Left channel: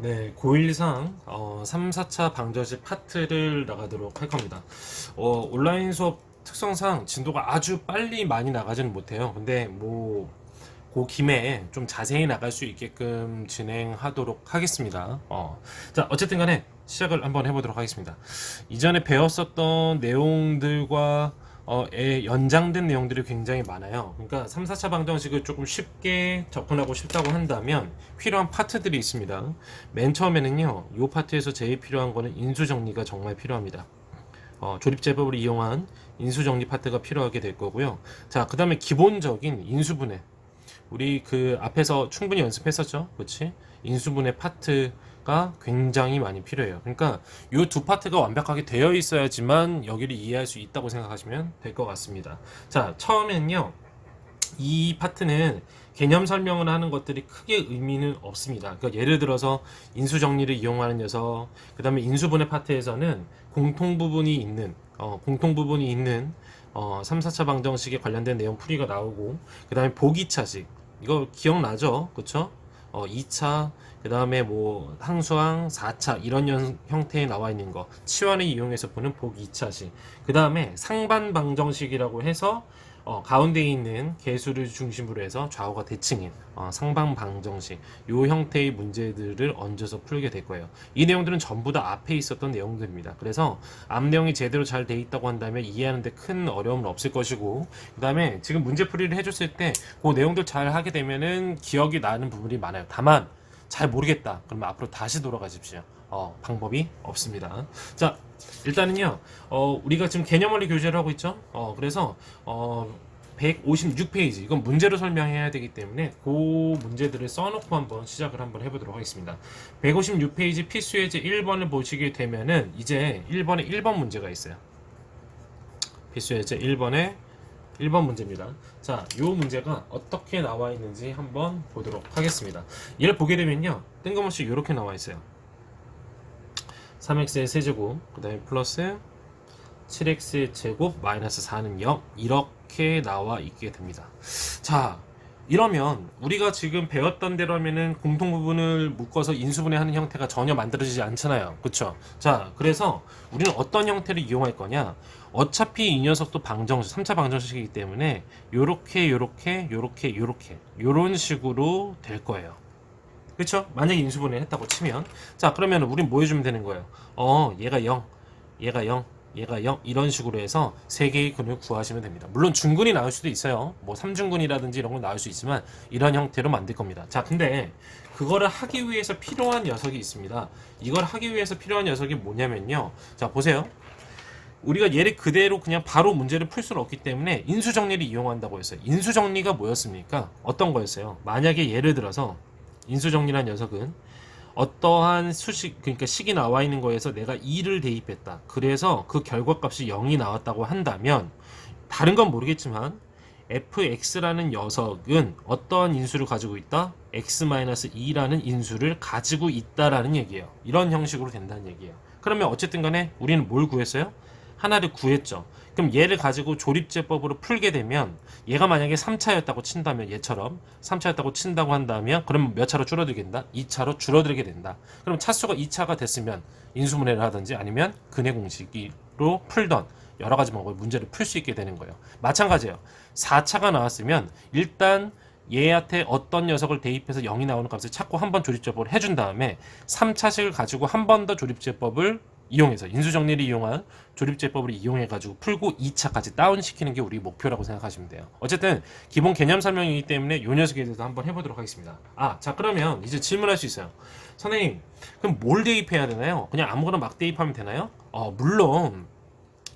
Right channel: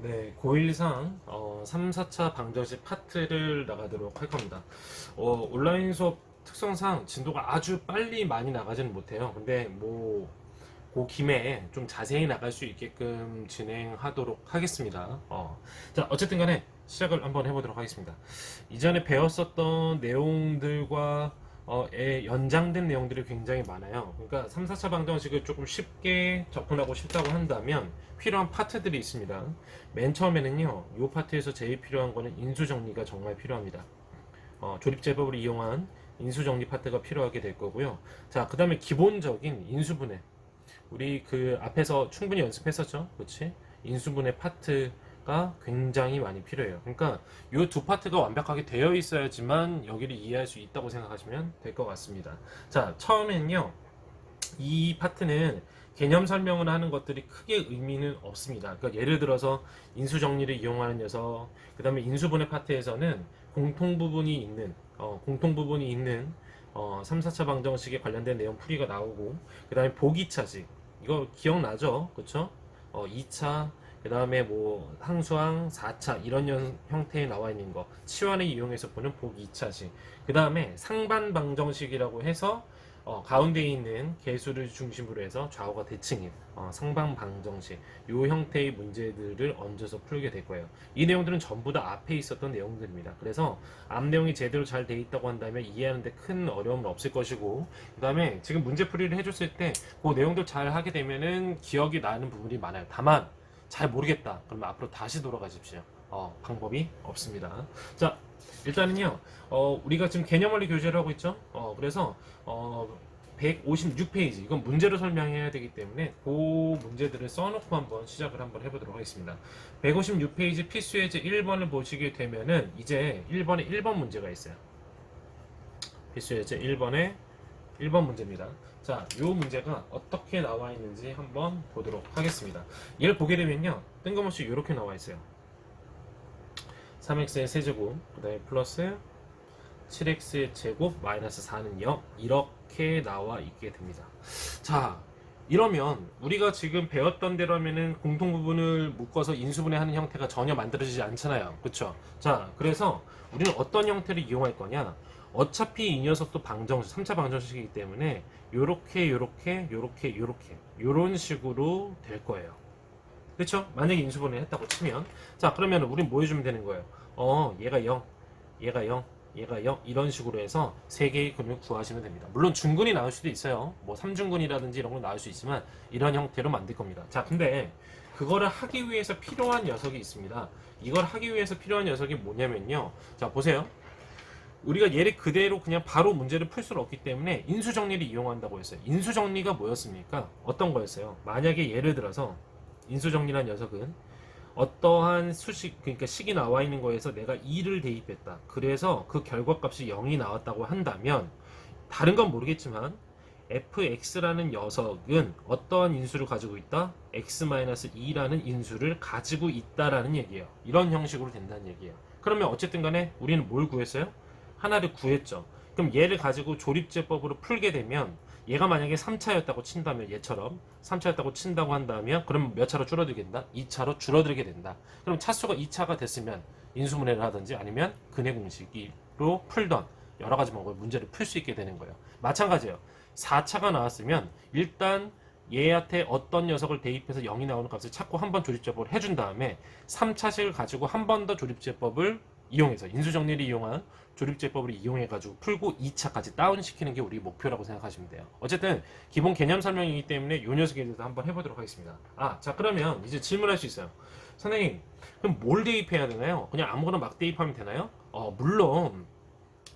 네, 고1상 3, 4차 방정식 파트를 나가도록 할 겁니다. 온라인 수업 특성상 진도가 아주 빨리 많이 나가지는 못해요. 근데 그 김에 좀 자세히 나갈 수 있게끔 진행하도록 하겠습니다. 자, 어쨌든 간에 시작을 한번 해보도록 하겠습니다. 이전에 배웠었던 내용들과 연장된 내용들이 굉장히 많아요. 그러니까 3, 4차 방정식을 조금 쉽게 접근하고 싶다고 한다면 필요한 파트들이 있습니다. 맨 처음에는요, 이 파트에서 제일 필요한 거는 인수정리가 정말 필요합니다. 조립제법을 이용한 인수정리 파트가 필요하게 될 거고요. 자, 그 다음에 기본적인 인수분해. 우리 그 앞에서 충분히 연습했었죠. 그렇지? 인수분해 파트가 굉장히 많이 필요해요. 그러니까 이 두 파트가 완벽하게 되어 있어야지만 여기를 이해할 수 있다고 생각하시면 될 것 같습니다. 자, 처음엔요. 이 파트는 개념 설명을 하는 것들이 크게 의미는 없습니다. 그러니까 예를 들어서 인수 정리를 이용하는 녀석, 그 다음에 인수분해 파트에서는 공통 부분이 있는 3, 4차 방정식에 관련된 내용 풀이가 나오고, 그 다음에 보기차식, 이거 기억나죠? 그쵸? 2차, 그 다음에 뭐 항수항 4차 이런 형태에 나와 있는 거 치환을 이용해서 보는 보기 2차식, 그 다음에 상반 방정식이라고 해서 가운데 있는 개수를 중심으로 해서 좌우가 대칭인 상방 방정식 요 형태의 문제들을 얹어서 풀게 될 거예요. 이 내용들은 전부 다 앞에 있었던 내용들입니다. 그래서 앞 내용이 제대로 잘 돼 있다고 한다면 이해하는데 큰 어려움은 없을 것이고, 그 다음에 지금 문제풀이를 해줬을 때 그 내용들 잘 하게 되면은 기억이 나는 부분이 많아요. 다만 잘 모르겠다 그러면 앞으로 다시 돌아가십시오. 방법이 없습니다. 자, 일단은요, 우리가 지금 개념원리 교재를 하고 있죠. 그래서 156페이지 이건 문제로 설명해야 되기 때문에 그 문제들을 써놓고 한번 시작을 한번 해보도록 하겠습니다. 156페이지 필수 예제 1번을 보시게 되면은 이제 1번에 1번 문제가 있어요. 필수 예제 1번에 1번 문제입니다. 자, 이 문제가 어떻게 나와 있는지 한번 보도록 하겠습니다. 얘를 보게 되면요, 뜬금없이 이렇게 나와 있어요. 3x의 세제곱, 그 다음에 플러스 7x의 제곱 마이너스 4는 0 이렇게 나와 있게 됩니다. 자, 이러면 우리가 지금 배웠던 대로 하면은 공통 부분을 묶어서 인수분해하는 형태가 전혀 만들어지지 않잖아요. 그쵸? 자, 그래서 우리는 어떤 형태를 이용할 거냐? 어차피 이 녀석도 방정식, 3차 방정식이기 때문에 요렇게 요런 식으로 될 거예요. 그쵸? 만약에 인수분해 했다고 치면, 자, 그러면 우린 뭐 해주면 되는 거예요? 얘가 0, 얘가 0, 얘가 0 이런 식으로 해서 세 개의 근을 구하시면 됩니다. 물론 중근이 나올 수도 있어요. 뭐 3중근이라든지 이런 거 나올 수 있지만 이런 형태로 만들 겁니다. 자, 근데 그거를 하기 위해서 필요한 녀석이 있습니다. 이걸 하기 위해서 필요한 녀석이 뭐냐면요. 자, 보세요. 우리가 얘를 그대로 그냥 바로 문제를 풀 수는 없기 때문에 인수정리를 이용한다고 했어요. 인수정리가 뭐였습니까? 어떤 거였어요? 만약에 예를 들어서 인수정리란 녀석은 어떠한 수식, 그러니까 식이 나와 있는 거에서 내가 2를 대입했다. 그래서 그 결과값이 0이 나왔다고 한다면, 다른 건 모르겠지만 fx라는 녀석은 어떠한 인수를 가지고 있다? x-2라는 인수를 가지고 있다라는 얘기예요. 이런 형식으로 된다는 얘기예요. 그러면 어쨌든 간에 우리는 뭘 구했어요? 하나를 구했죠. 그럼 얘를 가지고 조립제법으로 풀게 되면, 얘가 만약에 3차였다고 친다면, 얘처럼 3차였다고 친다고 한다면, 그럼 몇 차로 줄어들게 된다? 2차로 줄어들게 된다. 그럼 차수가 2차가 됐으면 인수분해를 하든지 아니면 근해 공식으로 풀던 여러 가지 방법의 문제를 풀 수 있게 되는 거예요. 마찬가지예요. 4차가 나왔으면 일단 얘한테 어떤 녀석을 대입해서 0이 나오는 값을 찾고 한 번 조립제법을 해준 다음에 3차식을 가지고 한 번 더 조립제법을 이용해서 인수정리를 이용한 조립제법을 이용해가지고 풀고 2차까지 다운시키는 게 우리 목표라고 생각하시면 돼요. 어쨌든 기본 개념 설명이기 때문에 이 녀석에 대해서 한번 해보도록 하겠습니다. 자, 그러면 이제 질문할 수 있어요. 선생님, 그럼 뭘 대입해야 되나요? 그냥 아무거나 막 대입하면 되나요? 물론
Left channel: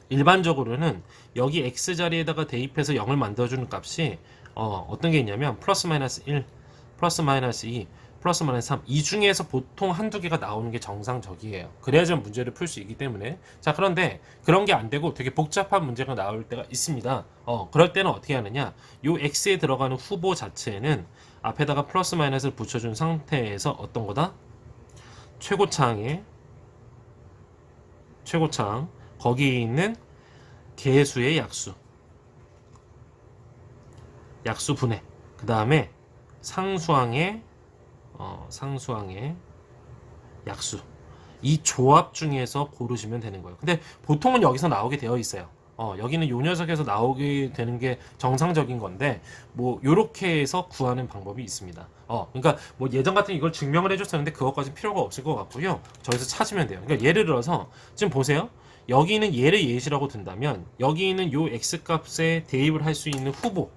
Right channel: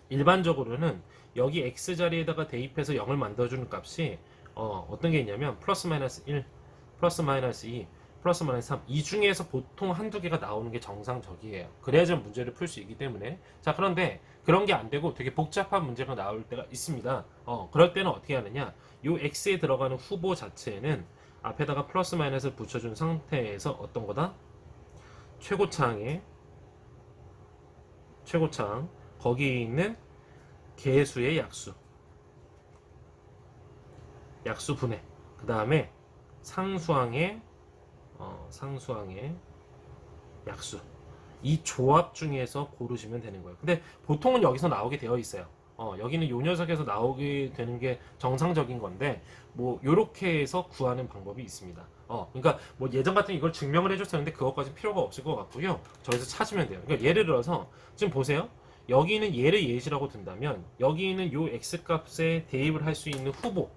일반적으로는 여기 x 자리에다가 대입해서 0을 만들어주는 값이 어떤 게 있냐면 플러스 마이너스 1, 플러스 마이너스 2, 플러스 마이너스 3, 이 중에서 보통 한두 개가 나오는 게 정상적이에요. 그래야지 문제를 풀 수 있기 때문에. 자, 그런데 그런 게 안 되고 되게 복잡한 문제가 나올 때가 있습니다. 그럴 때는 어떻게 하느냐, 요 x에 들어가는 후보 자체는 앞에다가 플러스 마이너스를 붙여준 상태에서 어떤 거다? 최고창 거기에 있는 개수의 약수 분해, 그 다음에 상수항의 약수. 이 조합 중에서 고르시면 되는 거예요. 근데 보통은 여기서 나오게 되어 있어요. 여기는 요 녀석에서 나오게 되는 게 정상적인 건데 뭐 요렇게 해서 구하는 방법이 있습니다. 그러니까 뭐 예전 같은 이걸 증명을 해줬었는데 그것까지 필요가 없을 것 같고요. 저기서 찾으면 돼요. 그러니까 예를 들어서 지금 보세요. 여기는 얘를 예시라고 든다면 여기 있는 요 x 값에 대입을 할 수 있는 후보,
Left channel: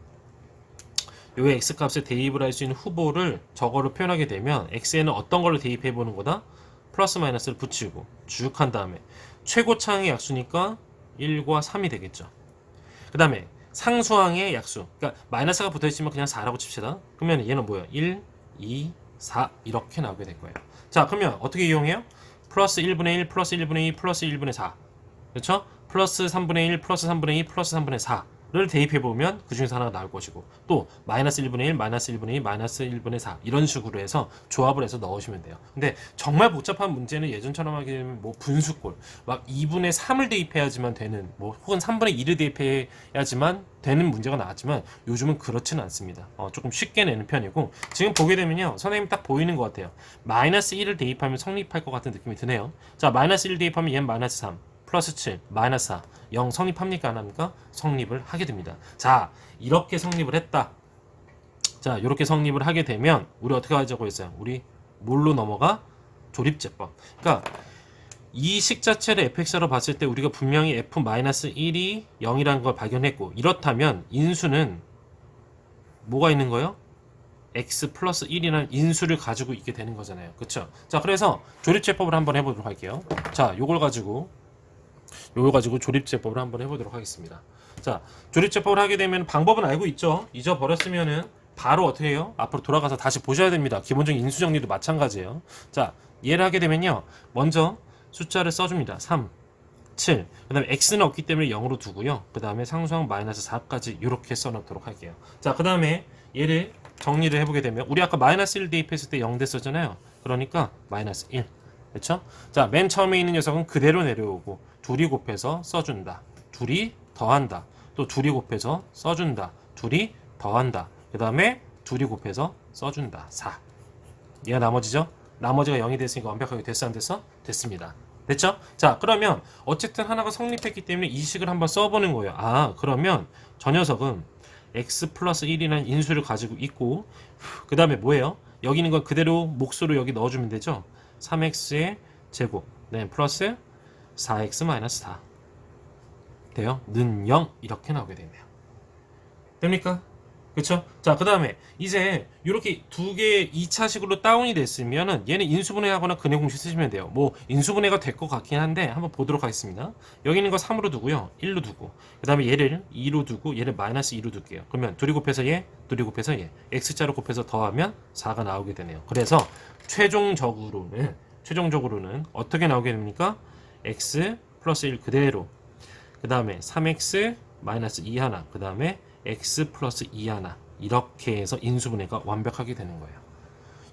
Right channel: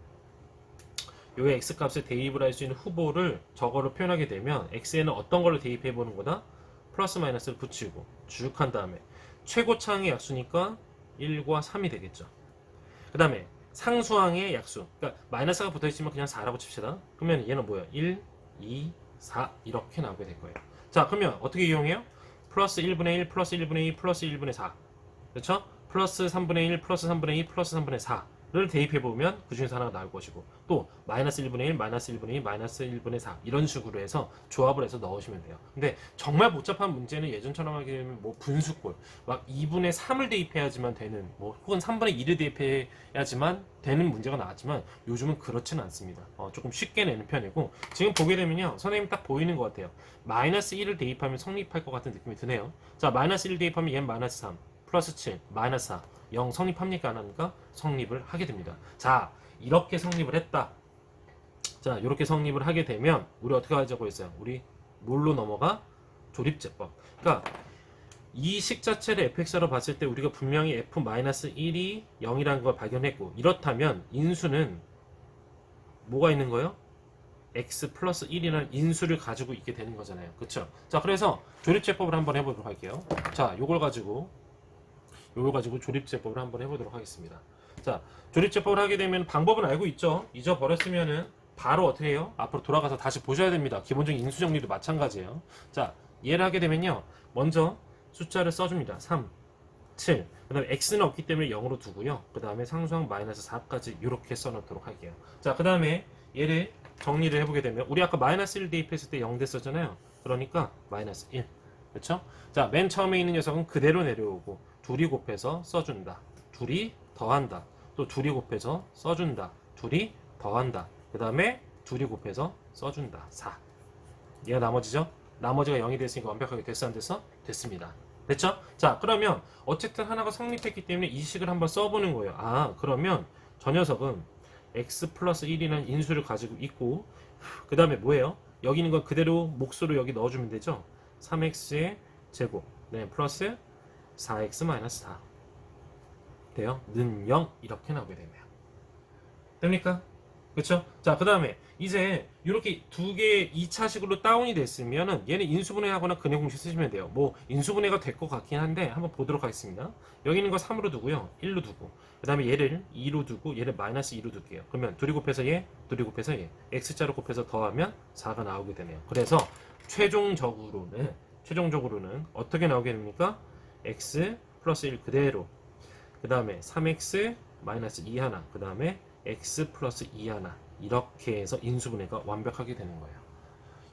요 x 값에 대입을 할 수 있는 후보를 저거로 표현하게 되면 x에는 어떤 걸로 대입해 보는 거다? 플러스 마이너스를 붙이고 쭉 한 다음에 최고차항의 약수니까 1과 3이 되겠죠. 그 다음에 상수항의 약수, 그러니까 마이너스가 붙어있으면 그냥 4라고 칩시다. 그러면 얘는 뭐야? 1, 2, 4 이렇게 나오게 될 거예요. 자, 그러면 어떻게 이용해요? 플러스 1분의 1, 플러스 1분의 2, 플러스 1분의 4, 그렇죠? 플러스 3분의 1, 플러스 3분의 2, 플러스 3분의 4를 대입해보면 그 중에서 하나가 나올 것이고, 또 마이너스 1분의 1, 마이너스 1분의 2, 마이너스 1분의 4 이런 식으로 해서 조합을 해서 넣으시면 돼요. 근데 정말 복잡한 문제는 예전처럼 하게 되면 뭐 분수꼴 막 2분의 3을 대입해야지만 되는, 뭐 혹은 3분의 2를 대입해야지만 되는 문제가 나왔지만 요즘은 그렇지는 않습니다. 조금 쉽게 내는 편이고, 지금 보게 되면요 선생님 딱 보이는 것 같아요. 마이너스 1을 대입하면 성립할 것 같은 느낌이 드네요. 자, 마이너스 1 대입하면 얘는 마이너스 3, 플러스 7, 마이너스 4, 0 성립합니까? 안 합니까? 성립을 하게 됩니다. 자, 이렇게 성립을 했다. 자, 이렇게 성립을 하게 되면 우리 어떻게 하자고 했어요? 우리 뭘로 넘어가? 조립제법. 그러니까 이 식 자체를 fx로 봤을 때 우리가 분명히 f-1이 0이라는 걸 발견했고, 이렇다면 인수는 뭐가 있는 거예요? x 플러스 1이라는 인수를 가지고 있게 되는 거잖아요. 그쵸? 자, 그래서 조립제법을 한번 해보도록 할게요. 자, 요걸 가지고 조립제법을 한번 해보도록 하겠습니다. 자, 조립제법을 하게 되면 방법은 알고 있죠? 잊어버렸으면은 바로 어떻게 해요? 앞으로 돌아가서 다시 보셔야 됩니다. 기본적인 인수 정리도 마찬가지예요. 자, 얘를 하게 되면요, 먼저 숫자를 써줍니다. 3, 7, 그 다음에 x는 없기 때문에 0으로 두고요. 그 다음에 상수항 마이너스 4까지 이렇게 써놓도록 할게요. 자, 그 다음에 얘를 정리를 해보게 되면 우리 아까 마이너스 1 대입했을 때 0 됐었잖아요. 그러니까 마이너스 1, 그렇죠? 자, 맨 처음에 있는 녀석은 그대로 내려오고 둘이 곱해서 써준다, 둘이 더한다, 또 둘이 곱해서 써준다, 둘이 더한다, 그 다음에 둘이 곱해서 써준다, 4. 얘가 나머지죠? 나머지가 0이 됐으니까 완벽하게 됐어 안 됐어? 됐습니다. 됐죠? 자, 그러면 어쨌든 하나가 성립했기 때문에 이 식을 한번 써보는 거예요. 아, 그러면 저 녀석은 x 플러스 1이라는 인수를 가지고 있고, 그 다음에 뭐예요? 여기 있는 건 그대로 몫으로 여기 넣어주면 되죠? 3x의 제곱, 네, 플러스 4x 마이너스 4 돼요? 는 0 이렇게 나오게 되네요. 됩니까? 그쵸? 자, 그 다음에 이제 이렇게 두 개 2차식으로 다운이 됐으면은 얘는 인수분해하거나 근해 공식 쓰시면 돼요. 뭐 인수분해가 될 것 같긴 한데 한번 보도록 하겠습니다. 여기 있는 거 3으로 두고요, 1로 두고, 그 다음에 얘를 2로 두고 얘를 마이너스 2로 둘게요. 그러면 둘이 곱해서 얘, 둘이 곱해서 얘, x자로 곱해서 더하면 4가 나오게 되네요. 그래서 최종적으로는 어떻게 나오게 됩니까? x 플러스 1 그대로, 그 다음에 3x 마이너스 2 하나, 그 다음에 x 플러스 2 하나, 이렇게 해서 인수분해가 완벽하게 되는 거예요.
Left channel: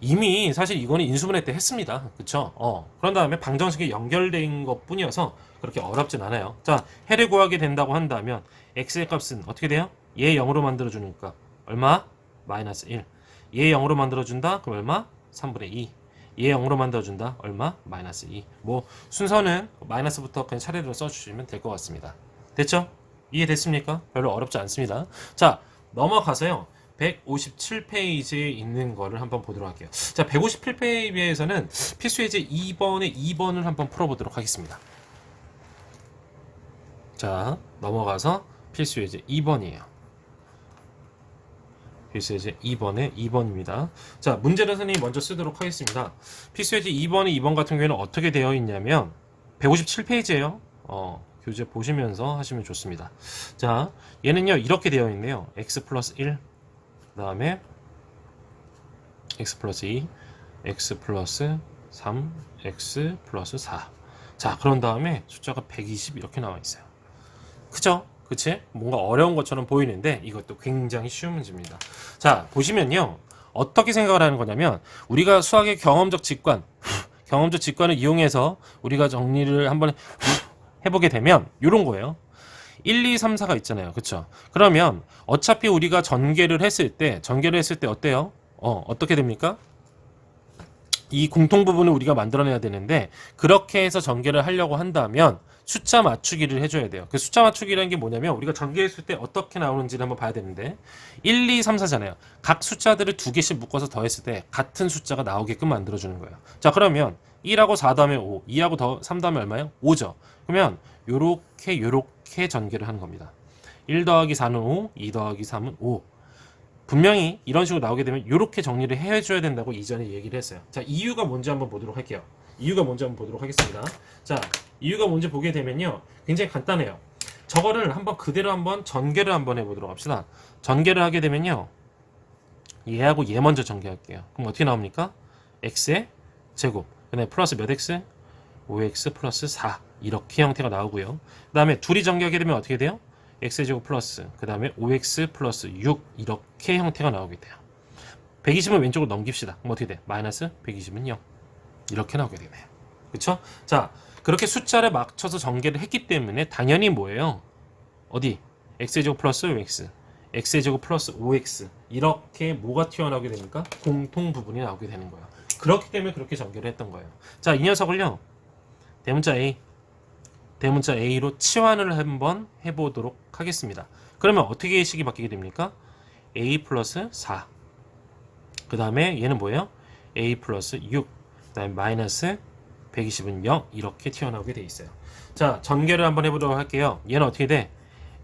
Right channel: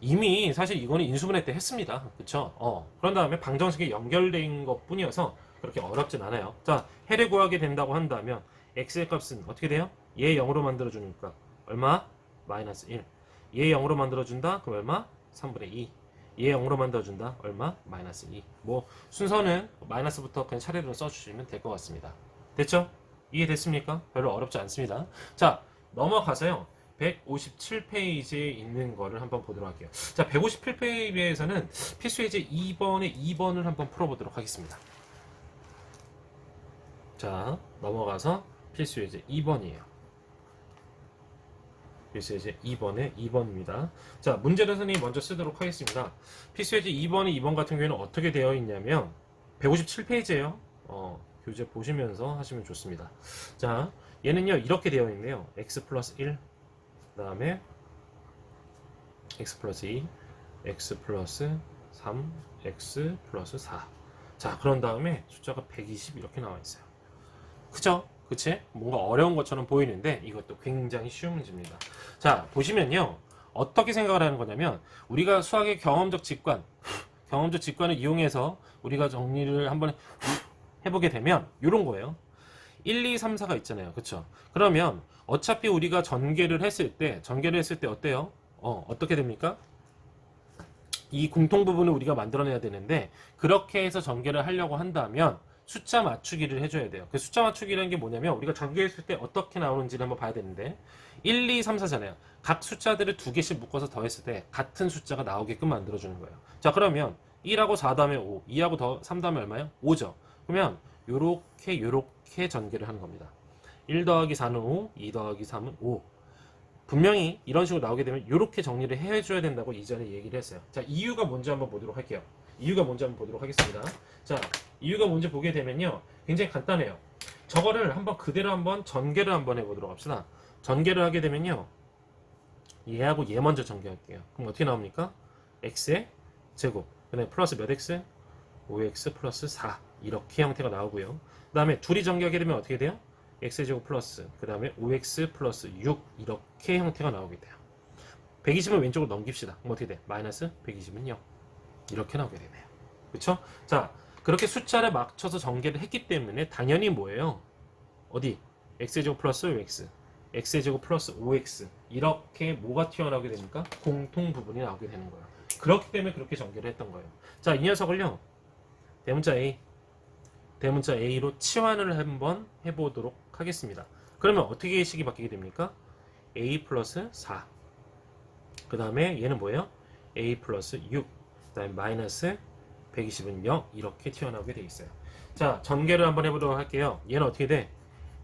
이미 사실 이거는 인수분해 때 했습니다. 그쵸? 그런 다음에 방정식에 연결된 것 뿐이어서 그렇게 어렵진 않아요. 자, 해를 구하게 된다고 한다면 x의 값은 어떻게 돼요? 얘 0으로 만들어주니까 얼마? 마이너스 1. 얘 0으로 만들어준다? 그럼 얼마? 3분의 2. 얘 0으로 만들어준다? 얼마? 마이너스 2. 뭐 순서는 마이너스부터 그냥 차례로 써주시면 될 것 같습니다. 됐죠? 이해됐습니까? 별로 어렵지 않습니다. 자, 넘어가서요, 157페이지에 있는 거를 한번 보도록 할게요. 자, 157페이지에서는 필수 예제 2번의 2번을 한번 풀어보도록 하겠습니다. 자, 넘어가서 필수 예제 2번이에요. 필수 예제 2번의 2번입니다. 자, 문제를 선생님이 먼저 쓰도록 하겠습니다. 필수 예제 2번의 2번 같은 경우에는 어떻게 되어 있냐면 157페이지예요. 교재 보시면서 하시면 좋습니다. 자, 얘는요 이렇게 되어 있네요. x 플러스 1, 그 다음에 x 플러스 2, x 플러스 3, x 플러스 4. 자, 그런 다음에 숫자가 120 이렇게 나와 있어요. 그죠? 그치? 뭔가 어려운 것처럼 보이는데 이것도 굉장히 쉬운 문제입니다. 자, 보시면요 어떻게 생각을 하는 거냐면, 우리가 수학의 경험적 직관을 이용해서 우리가 정리를 한번 해보게 되면 이런 거예요. 1, 2, 3, 4가 있잖아요. 그쵸? 그러면 어차피 우리가 전개를 했을 때 어때요? 어떻게 됩니까? 이 공통 부분을 우리가 만들어내야 되는데 그렇게 해서 전개를 하려고 한다면 숫자 맞추기를 해줘야 돼요. 그 숫자 맞추기라는 게 뭐냐면 우리가 전개했을 때 어떻게 나오는지를 한번 봐야 되는데 1, 2, 3, 4잖아요. 각 숫자들을 두 개씩 묶어서 더했을 때 같은 숫자가 나오게끔 만들어주는 거예요. 자, 그러면 1하고 4 다음에 5, 2하고 3 다음에 얼마예요? 5죠. 그러면 요렇게 전개를 하는 겁니다. 1 더하기 4는 5, 2 더하기 3은 5. 분명히 이런 식으로 나오게 되면 이렇게 정리를 해줘야 된다고 이전에 얘기를 했어요. 자, 이유가 뭔지 한번 보도록 할게요. 이유가 뭔지 한번 보도록 하겠습니다. 자, 이유가 뭔지 보게 되면요, 굉장히 간단해요. 저거를 한번 그대로 한번 전개를 한번 해보도록 합시다. 전개를 하게 되면요, 얘하고 얘 먼저 전개할게요. 그럼 어떻게 나옵니까? x의 제곱, 그다음에 플러스 몇 x? 5x 플러스 4 이렇게 형태가 나오고요. 그 다음에 둘이 전개하게 되면 어떻게 돼요? x제곱 플러스 그 다음에 5x 플러스 6 이렇게 형태가 나오게 돼요. 120은 왼쪽으로 넘깁시다. 그럼 어떻게 돼? 마이너스 120은 0 이렇게 나오게 되네요. 그쵸? 자, 그렇게 숫자를 맞춰서 전개를 했기 때문에 당연히 뭐예요? 어디? x제곱 플러스 5x x제곱 플러스 5x 이렇게 뭐가 튀어나오게 됩니까? 공통 부분이 나오게 되는 거예요. 그렇기 때문에 그렇게 전개를 했던 거예요. 자, 이 녀석을요, 대문자 A로 치환을 한번 해보도록 하겠습니다. 그러면 어떻게 식이 바뀌게 됩니까? A 플러스 4. 그 다음에 얘는 뭐예요? A 플러스 6. 그 다음에 마이너스 120은 0. 이렇게 튀어나오게 돼 있어요. 자, 전개를 한번 해보도록 할게요. 얘는 어떻게 돼?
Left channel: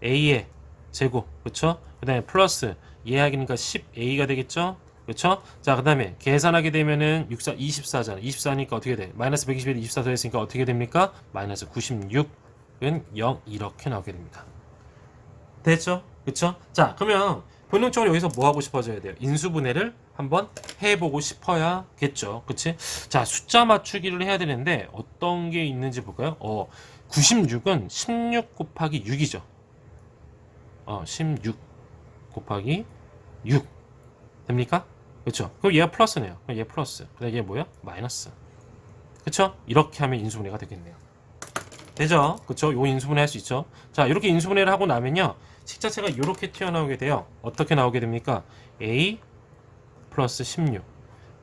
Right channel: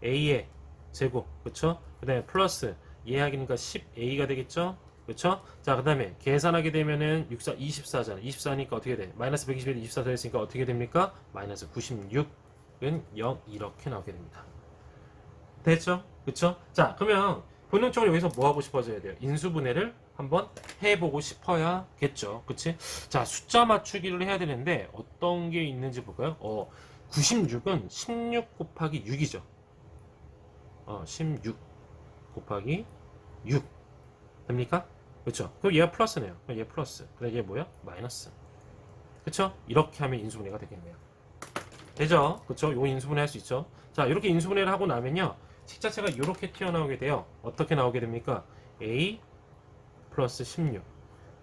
A의 제곱. 그쵸? 그 다음에 플러스 얘하기니까 10A가 되겠죠? 그렇죠? 자, 그 다음에 계산하게 되면은 6, 4, 24잖아. 24니까 어떻게 돼? 마이너스 121, 24 더했으니까 어떻게 됩니까? 마이너스 96은 0 이렇게 나오게 됩니다. 됐죠? 그렇죠? 자, 그러면 본능적으로 여기서 뭐 하고 싶어져야 돼요? 인수분해를 한번 해보고 싶어야겠죠. 그치? 자, 숫자 맞추기를 해야 되는데 어떤 게 있는지 볼까요? 96은 16 곱하기 6이죠. 16 곱하기 6 됩니까? 그렇죠? 그럼 얘가 플러스네요. 그럼 얘 플러스. 그다음 얘 뭐야? 마이너스. 그렇죠? 이렇게 하면 인수분해가 되겠네요. 되죠? 그렇죠? 요 인수분해 할 수 있죠. 자, 이렇게 인수분해를 하고 나면요, 식 자체가 이렇게 튀어나오게 돼요. 어떻게 나오게 됩니까? a 플러스 16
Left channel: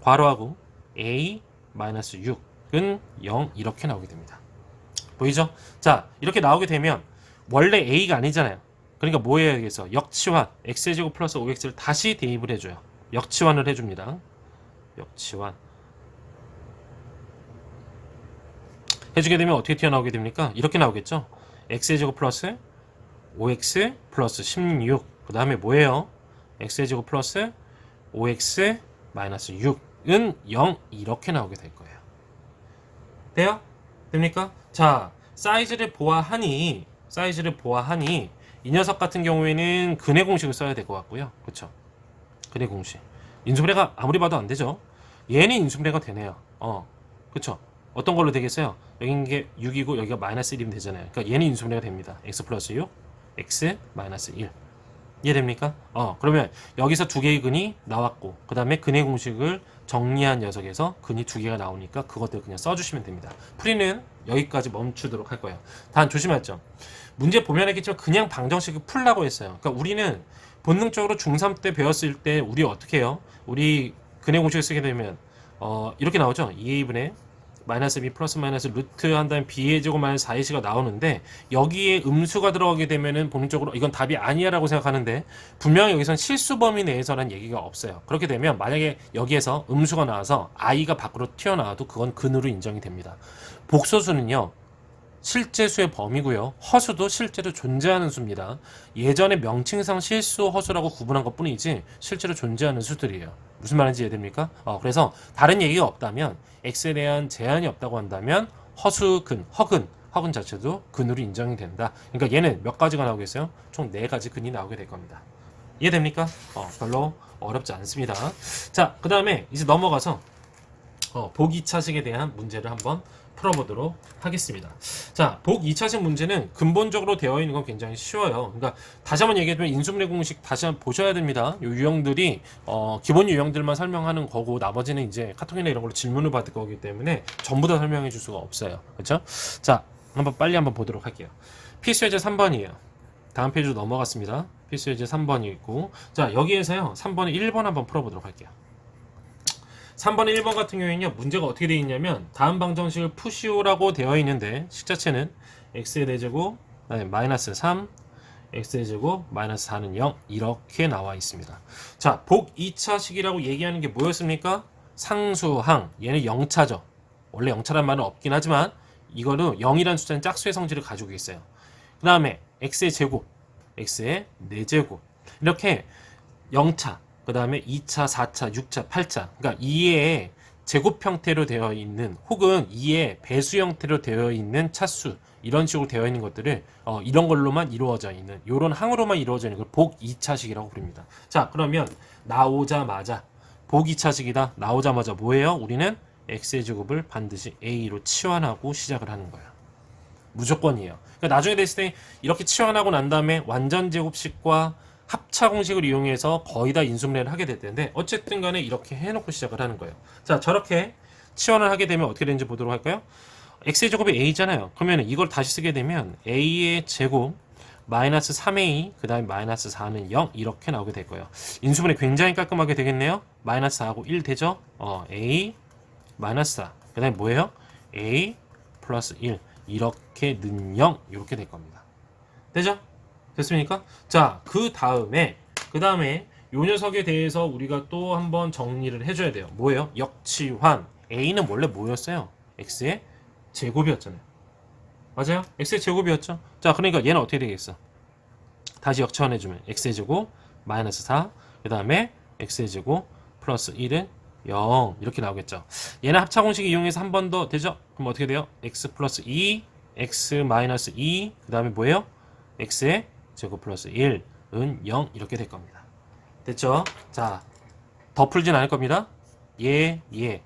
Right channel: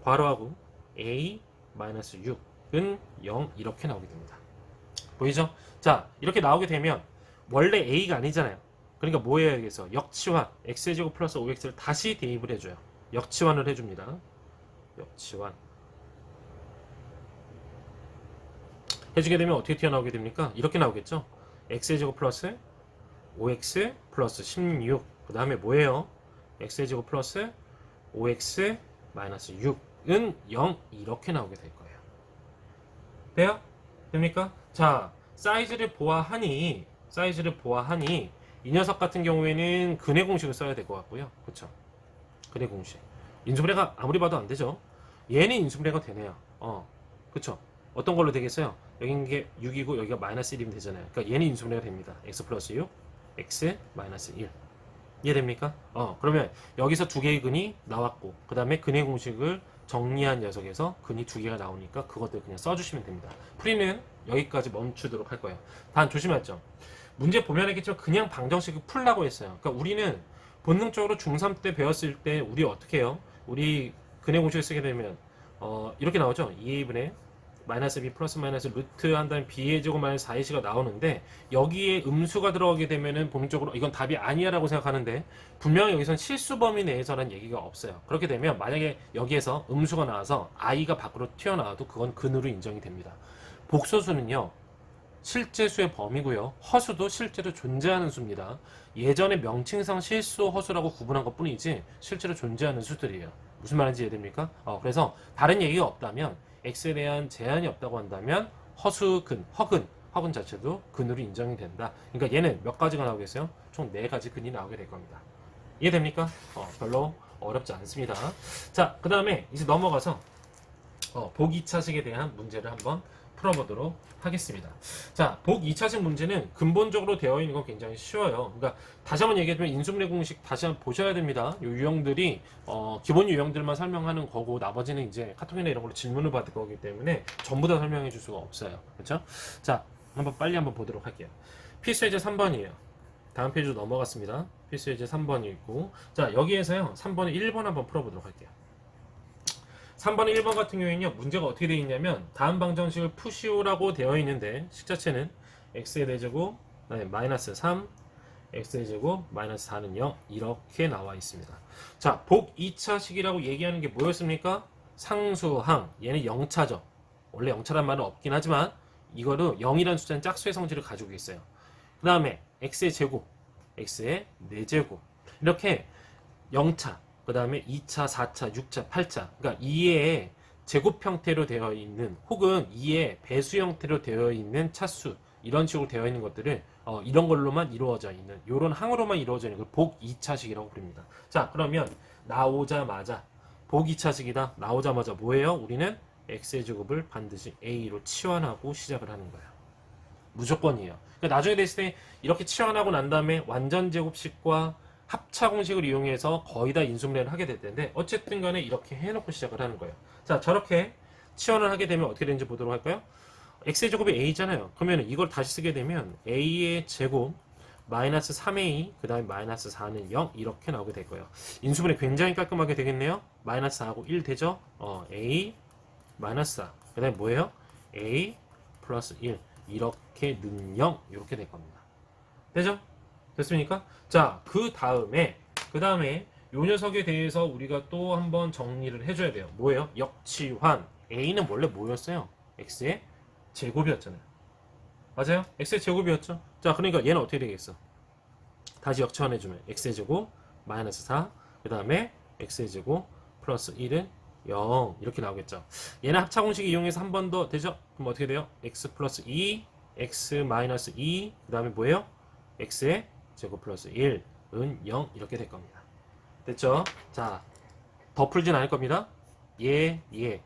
괄호하고 a 마이너스 6은 0 이렇게 나오게 됩니다. 보이죠? 자, 이렇게 나오게 되면 원래 a가 아니잖아요. 그러니까 뭐 해야겠어? 역치환 x제곱 플러스 5x를 다시 대입을 해줘요. 역치환을 해줍니다. 역치환 해주게 되면 어떻게 튀어나오게 됩니까? 이렇게 나오겠죠? x제곱 플러스 5x 플러스 16 그 다음에 뭐예요? x제곱 플러스 5x 마이너스 6은 0 이렇게 나오게 될 거예요. 돼요? 됩니까? 자, 사이즈를 보아하니 이 녀석 같은 경우에는 근해 공식을 써야 될 것 같고요. 그쵸? 근해 공식. 인수분해가 아무리 봐도 안 되죠. 얘는 인수분해가 되네요. 그쵸? 어떤 걸로 되겠어요? 여기 게 6이고 여기가 마이너스 1이면 되잖아요. 그러니까 얘는 인수분해가 됩니다. x 플러스 6, x 마이너스 1. 이해됩니까? 그러면 여기서 두 개의 근이 나왔고 그 다음에 근해 공식을 정리한 녀석에서 근이 두 개가 나오니까 그것들 그냥 써주시면 됩니다. 풀이는 여기까지 멈추도록 할 거예요. 단 조심하죠. 문제 보면 알겠지만 그냥 방정식을 풀라고 했어요. 그러니까 우리는 본능적으로 중3 때 배웠을 때 우리 어떻게 해요? 우리 근해 공식을 쓰게 되면 이렇게 나오죠. 2a분의 마이너스 b 플러스 마이너스 루트 한 다음에 b의 제곱 마이너스 4ac가 나오는데 여기에 음수가 들어가게 되면은 본능적으로 이건 답이 아니야 라고 생각하는데 분명히 여기선 실수 범위 내에서는 얘기가 없어요. 그렇게 되면 만약에 여기에서 음수가 나와서 i가 밖으로 튀어나와도 그건 근으로 인정이 됩니다. 복소수는요, 실제 수의 범위고요. 허수도 실제로 존재하는 수입니다. 예전에 명칭상 실수, 허수라고 구분한 것 뿐이지 실제로 존재하는 수들이에요. 무슨 말인지 이해됩니까? 그래서 다른 얘기가 없다면 x에 대한 제한이 없다고 한다면 허수근, 허근 자체도 근으로 인정이 된다. 그러니까 얘는 몇 가지가 나오겠어요? 총 4가지 근이 나오게 될 겁니다. 이해됩니까? 별로 어렵지 않습니다. 자, 그 다음에 이제 넘어가서 복 2차식에 대한 문제를 한번 풀어보도록 하겠습니다. 자, 복 2차식 문제는 근본적으로 되어 있는 건 굉장히 쉬워요. 그러니까 다시 한번 얘기해보면 인수분해 공식 다시 한번 보셔야 됩니다. 이 유형들이 기본 유형들만 설명하는 거고 나머지는 이제 카톡이나 이런 걸로 질문을 받을 거기 때문에 전부 다 설명해 줄 수가 없어요. 그렇죠? 자, 빨리 한번 보도록 할게요. 필수 예제 3번이에요. 다음 페이지로 넘어갔습니다. 필수 예제 3번이 있고, 자, 여기에서요 3번에 1번 한번 풀어보도록 할게요. 3번 1번 같은 경우에는요, 문제가 어떻게 되어 있냐면 다음 방정식을 푸시오라고 되어 있는데 식자체는 x의 대제곱 마이너스 3 x의 제곱 마이너스 4는 0 이렇게 나와 있습니다. 자, 복 2차식이라고 얘기하는 게 뭐였습니까? 상수항, 얘는 0차죠. 원래 0차란 말은 없긴 하지만 이거는 0이라는 숫자는 짝수의 성질을 가지고 있어요. 그 다음에 x의 제곱, x의 4제곱 이렇게 0차, 그 다음에 2차, 4차, 6차, 8차 그러니까 2의 제곱 형태로 되어 있는 혹은 2의 배수 형태로 되어 있는 차수 이런 식으로 되어 있는 것들을 이런 걸로만 이루어져 있는 이런 항으로만 이루어져 있는 걸 복 2차식이라고 부릅니다. 자, 그러면 나오자마자 복 2차식이다. 나오자마자 뭐예요? 우리는 x의 제곱을 반드시 a로 치환하고 시작을 하는 거예요. 무조건이에요. 그러니까 나중에 됐을 때 이렇게 치환하고 난 다음에 완전 제곱식과 합차 공식을 이용해서 거의 다 인수분해를 하게 될 텐데 어쨌든 간에 이렇게 해놓고 시작을 하는 거예요. 자, 저렇게 치환을 하게 되면 어떻게 되는지 보도록 할까요? x의 제곱이 a잖아요. 그러면 이걸 다시 쓰게 되면 a의 제곱 마이너스 3a 그 다음에 마이너스 4는 0 이렇게 나오게 될 거예요. 인수분해 굉장히 깔끔하게 되겠네요. 마이너스 4하고 1 되죠? a 마이너스 4 그 다음에 뭐예요? a 플러스 1 이렇게 는 0 이렇게 될 겁니다. 되죠? 됐습니까? 자, 그 다음에 요 녀석에 대해서 우리가 또 한번 정리를 해줘야 돼요. 뭐예요? 역치환. a는 원래 뭐였어요? x의 제곱이었잖아요. 맞아요? x의 제곱이었죠? 자, 그러니까 얘는 어떻게 되겠어? 다시 역치환해주면 x의 제곱 마이너스 4, 그 다음에 x의 제곱 플러스 1은 0 이렇게 나오겠죠. 얘는 합차공식 이용해서 한 번 더 되죠? 그럼 어떻게 돼요? x 플러스 2, x 마이너스 2, 그 다음에 뭐예요? x의 제곱 플러스 1은 0 이렇게 될 겁니다. 됐죠? 자, 더 풀진 않을 겁니다.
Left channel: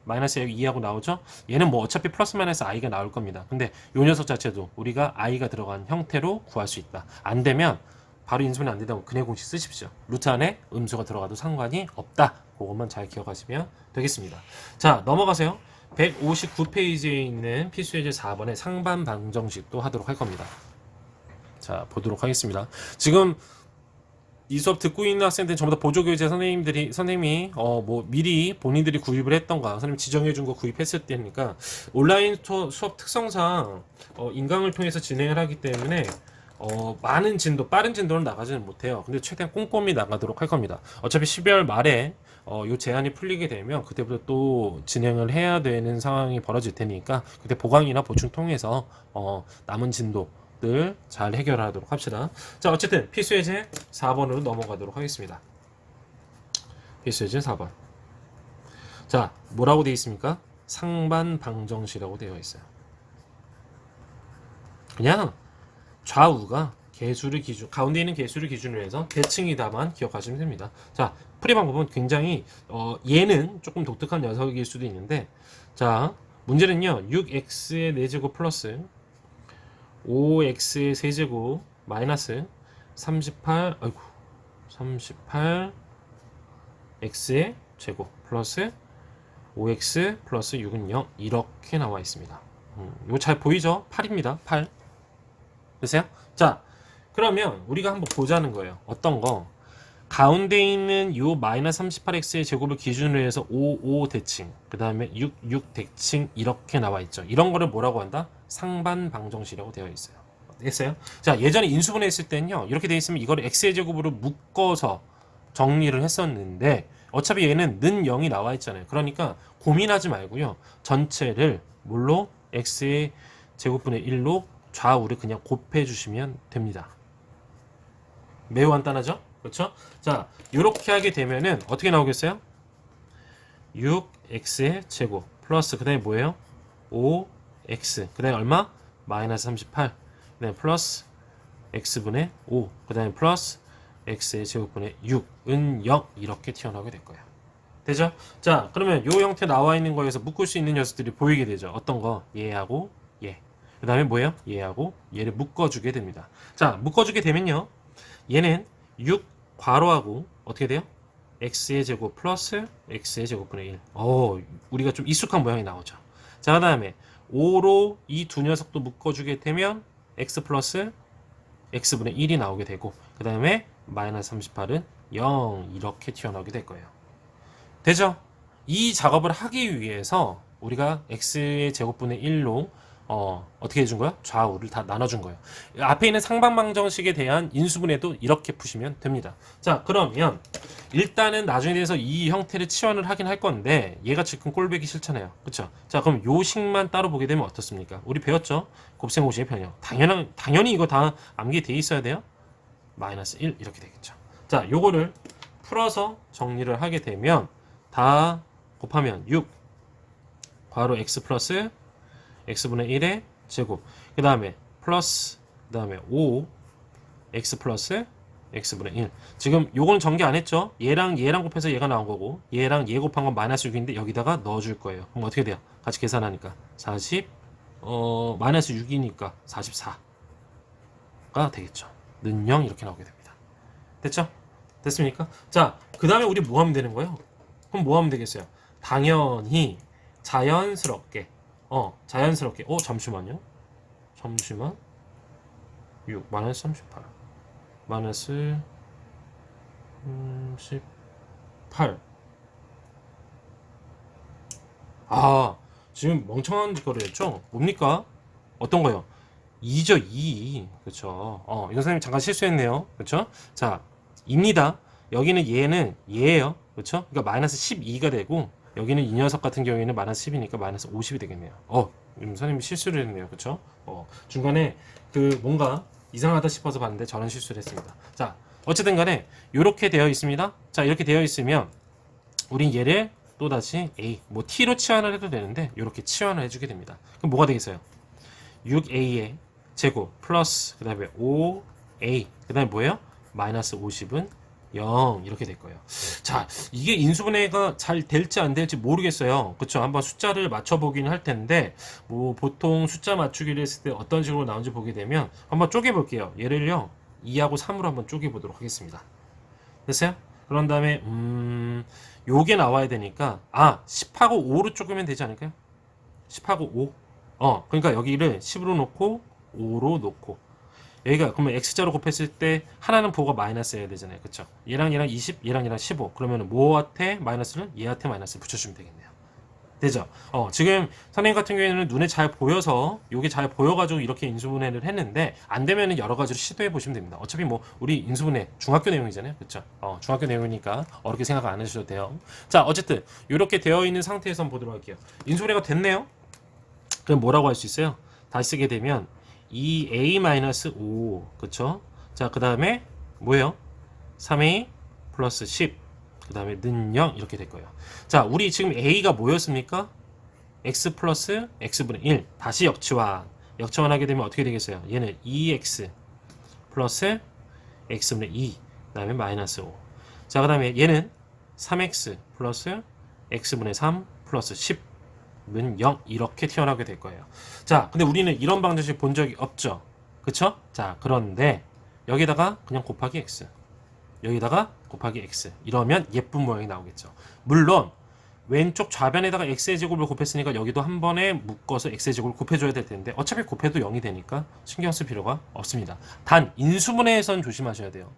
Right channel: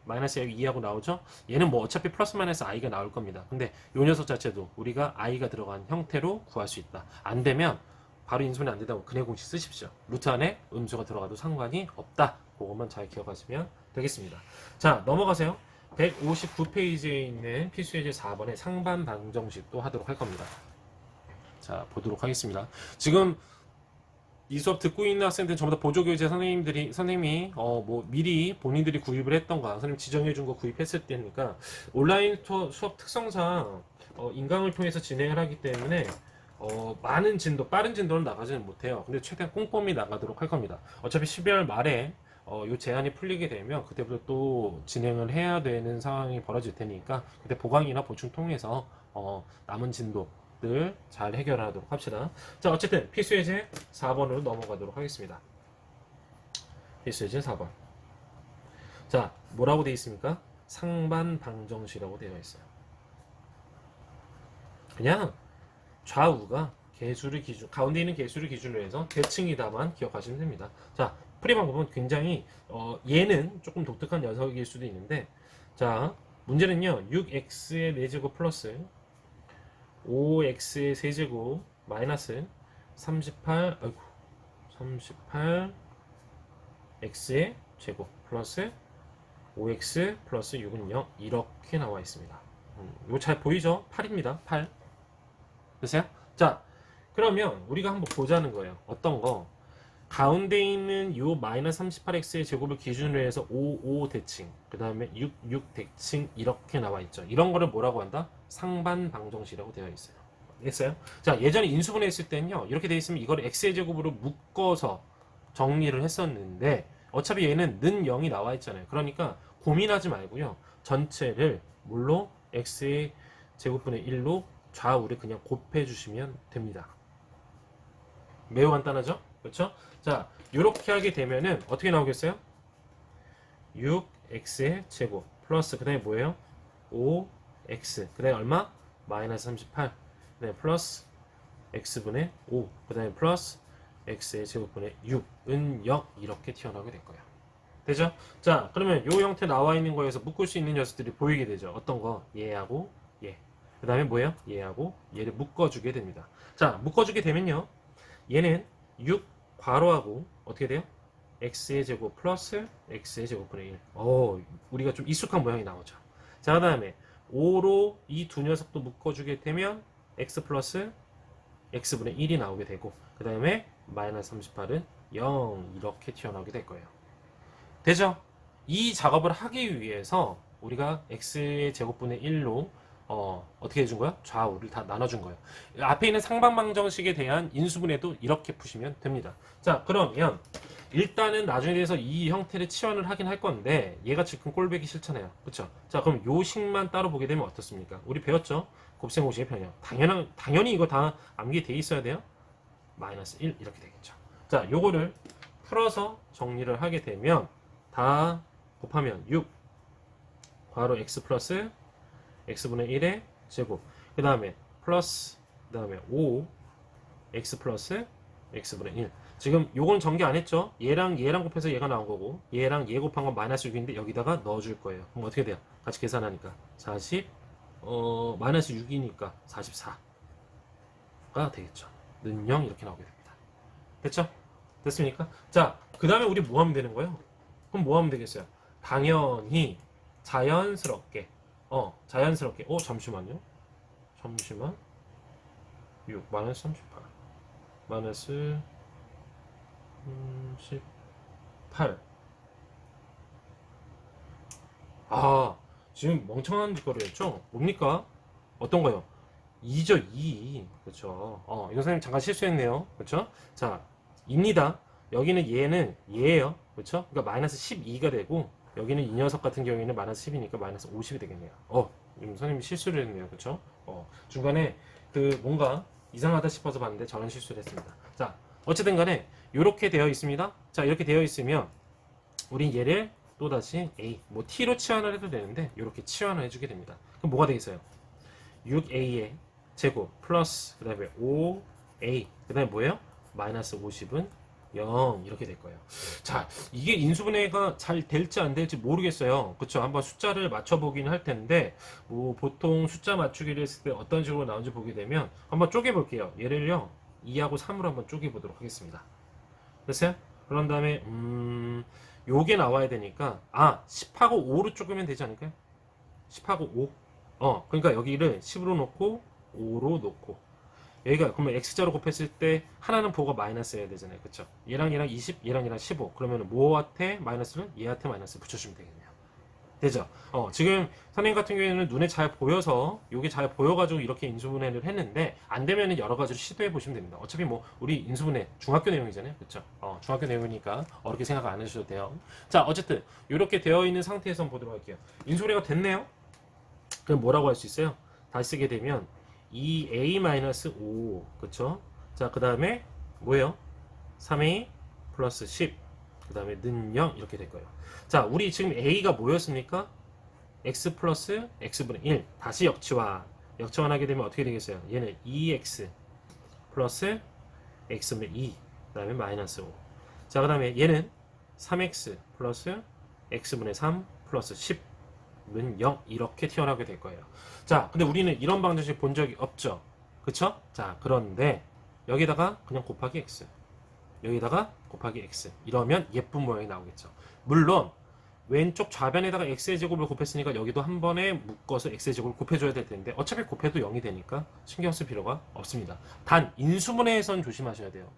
마이너스 여기 2하고 나오죠? 얘는 뭐 어차피 플러스 마이너스 i가 나올 겁니다. 근데 요 녀석 자체도 우리가 i가 들어간 형태로 구할 수 있다. 안 되면 바로 인수분해 안 된다고 근해 공식 쓰십시오. 루트 안에 음수가 들어가도 상관이 없다. 그것만 잘 기억하시면 되겠습니다. 자, 넘어가세요. 159페이지에 있는 필수예제 4번의 상반 방정식도 하도록 할 겁니다. 자, 보도록 하겠습니다. 지금 이 수업 듣고 있는 학생들 전부 다 보조교재 선생님이 뭐 미리 본인들이 구입을 했던가 선생님 지정해 준 거 구입했을 때니까 온라인 수업 특성상 인강을 통해서 진행을 하기 때문에 많은 진도 빠른 진도는 나가지는 못해요. 근데 최대한 꼼꼼히 나가도록 할 겁니다. 어차피 12월 말에 요 제한이 풀리게 되면 그때부터 또 진행을 해야 되는 상황이 벌어질 테니까 그때 보강이나 보충 통해서 남은 진도 잘 해결하도록 합시다. 자, 어쨌든 필수예제 4번으로 넘어가도록 하겠습니다. 필수예제 4번. 자, 뭐라고 되어 있습니까? 상반 방정식이라고 되어 있어요. 그냥 좌우가 개수를 기준, 가운데 있는 개수를 기준으로 해서 대칭이다만 기억하시면 됩니다. 자, 풀이 방법은 굉장히 얘는 조금 독특한 녀석일 수도 있는데, 자, 문제는요 6x의 4제곱 플러스 5x의 세제곱 마이너스 38 x의 제곱 플러스 5x 플러스 6은 0 이렇게 나와 있습니다. 이거 잘 보이죠? 8입니다. 8 됐어요? 자, 그러면 우리가 한번 보자는 거예요. 어떤 거? 가운데 있는 요 마이너스 38x의 제곱을 기준으로 해서 5 대칭 그 다음에 6 대칭 이렇게 나와 있죠. 이런 거를 뭐라고 한다? 상반 방정식이라고 되어 있어요. 됐어요? 자, 예전에 인수분해 했을 때는요 이렇게 되어 있으면 이거를 x의 제곱으로 묶어서 정리를 했었는데 어차피 얘는 는 0이 나와 있잖아요. 그러니까 고민하지 말고요 전체를 뭘로? x의 제곱분의 1로 좌우를 그냥 곱해 주시면 됩니다. 매우 간단하죠? 그렇죠? 자, 이렇게 하게 되면은 어떻게 나오겠어요? 6x의 제곱 플러스 그 다음에 뭐예요? 5x 그 다음에 얼마? 마이너스 38 그 다음에 플러스 x분의 5 그 다음에 플러스 x의 제곱분의 6은 0 이렇게 튀어나오게 될 거예요. 되죠? 자, 그러면 이 형태 나와 있는 거에서 묶을 수 있는 녀석들이 보이게 되죠. 어떤 거? 얘하고 얘. 그 다음에 뭐예요? 얘하고 얘를 묶어주게 됩니다. 자, 묶어주게 되면요 얘는 6 괄호하고 어떻게 돼요? x의 제곱 플러스 x의 제곱분의 1. 우리가 좀 익숙한 모양이 나오죠. 자, 그 다음에 5로 이 두 녀석도 묶어주게 되면 x 플러스 x분의 1이 나오게 되고 그 다음에 마이너스 38은 0 이렇게 튀어나오게 될 거예요. 되죠? 이 작업을 하기 위해서 우리가 x의 제곱분의 1로 어떻게 해준 거야? 좌우를 다 나눠준 거예요. 앞에 있는 상반방정식에 대한 인수분해도 이렇게 푸시면 됩니다. 자, 그러면 일단은 나중에 대해서 이 형태를 치환을 하긴 할 건데 얘가 지금 꼴배기 싫잖아요. 그쵸? 자, 그럼 요 식만 따로 보게 되면 어떻습니까? 우리 배웠죠? 곱셈공식의 변형. 당연히 이거 다 암기돼 있어야 돼요. 마이너스 1 이렇게 되겠죠. 자, 요거를 풀어서 정리를 하게 되면 다 곱하면 6 괄호 x 플러스 x분의 1의 제곱 그 다음에 플러스 그 다음에 5 x 플러스 x분의 1 지금 요거는 전개 안 했죠? 얘랑 곱해서 얘가 나온 거고 얘랑 얘 곱한 건 마이너스 6인데 여기다가 넣어줄 거예요. 그럼 어떻게 돼요? 같이 계산하니까 40 마이너스 6이니까 44가 되겠죠. 는 0 이렇게 나오게 됩니다. 됐죠? 됐습니까? 자, 그 다음에 우리 뭐 하면 되는 거예요? 그럼 뭐 하면 되겠어요? 당연히 자연스럽게 잠시만요. 6 마이너스 38 마이너스 18 지금 멍청한 거를 했죠? 뭡니까? 어떤 거요? 2죠, 2. 그쵸. 이거 선생님 잠깐 실수했네요. 그쵸? 자, 2입니다. 여기는 얘는 얘예요. 그쵸? 그러니까 마이너스 12가 되고, 여기는 이 녀석 같은 경우에는 마이너스 10이니까 마이너스 50이 되겠네요. 선생님이 실수를 했네요. 그쵸? 중간에 뭔가 이상하다 싶어서 봤는데 저는 실수를 했습니다. 자, 어쨌든 간에, 이렇게 되어 있습니다. 자, 이렇게 되어 있으면, 우린 얘를 또다시 A, T로 치환을 해도 되는데, 이렇게 치환을 해주게 됩니다. 그럼 뭐가 되겠어요? 6A의 제곱 플러스 그 다음에 5A 그 다음에 뭐예요? 마이너스 50은 0 이렇게 될 거예요. 자, 이게 인수분해가 잘 될지 안 될지 모르겠어요. 그쵸? 한번 숫자를 맞춰보긴 할 텐데 보통 숫자 맞추기를 했을 때 어떤 식으로 나오는지 보게 되면 한번 쪼개볼게요. 얘를요 2하고 3으로 한번 쪼개보도록 하겠습니다. 됐어요? 그런 다음에 요게 나와야 되니까 10하고 5로 쪼개면 되지 않을까요? 10하고 5 그러니까 여기를 10으로 놓고 5로 놓고 여기가 그러면 x자로 곱했을 때 하나는 부호가 마이너스여야 되잖아요. 그쵸? 얘랑 20, 얘랑 15 그러면 뭐한테 마이너스를 얘한테 마이너스 붙여주면 되겠네요. 되죠? 지금 선생님 같은 경우에는 눈에 잘 보여서 요게 잘 보여가지고 이렇게 인수분해를 했는데 안 되면은 여러 가지로 시도해 보시면 됩니다. 어차피 우리 인수분해 중학교 내용이잖아요. 그쵸? 중학교 내용이니까 어렵게 생각 안 하셔도 돼요. 자, 어쨌든 이렇게 되어 있는 상태에서 한번 보도록 할게요. 인수분해가 됐네요. 그럼 뭐라고 할 수 있어요? 다시 쓰게 되면 2a-5 그쵸? 자, 그 다음에 뭐예요? 3a 플러스 10 그 다음에 는 0 이렇게 될 거예요. 자, 우리 지금 a가 뭐였습니까? x 플러스 x분의 1 다시 역치환하게 되면 어떻게 되겠어요? 얘는 2x 플러스 x분의 2 그 다음에 마이너스 5 자, 그 다음에 얘는 3x 플러스 x분의 3 플러스 10 는 0 이렇게 튀어나오게 될 거예요. 자, 근데 우리는 이런 방정식 본 적이 없죠. 그쵸? 자, 그런데 여기다가 그냥 곱하기 x 여기다가 곱하기 x 이러면 예쁜 모양이 나오겠죠. 물론 왼쪽 좌변에다가 x의 제곱을 곱했으니까 여기도 한 번에 묶어서 x의 제곱을 곱해줘야 될 텐데 어차피 곱해도 0이 되니까 신경 쓸 필요가 없습니다. 단 인수분해에선 조심하셔야 돼요.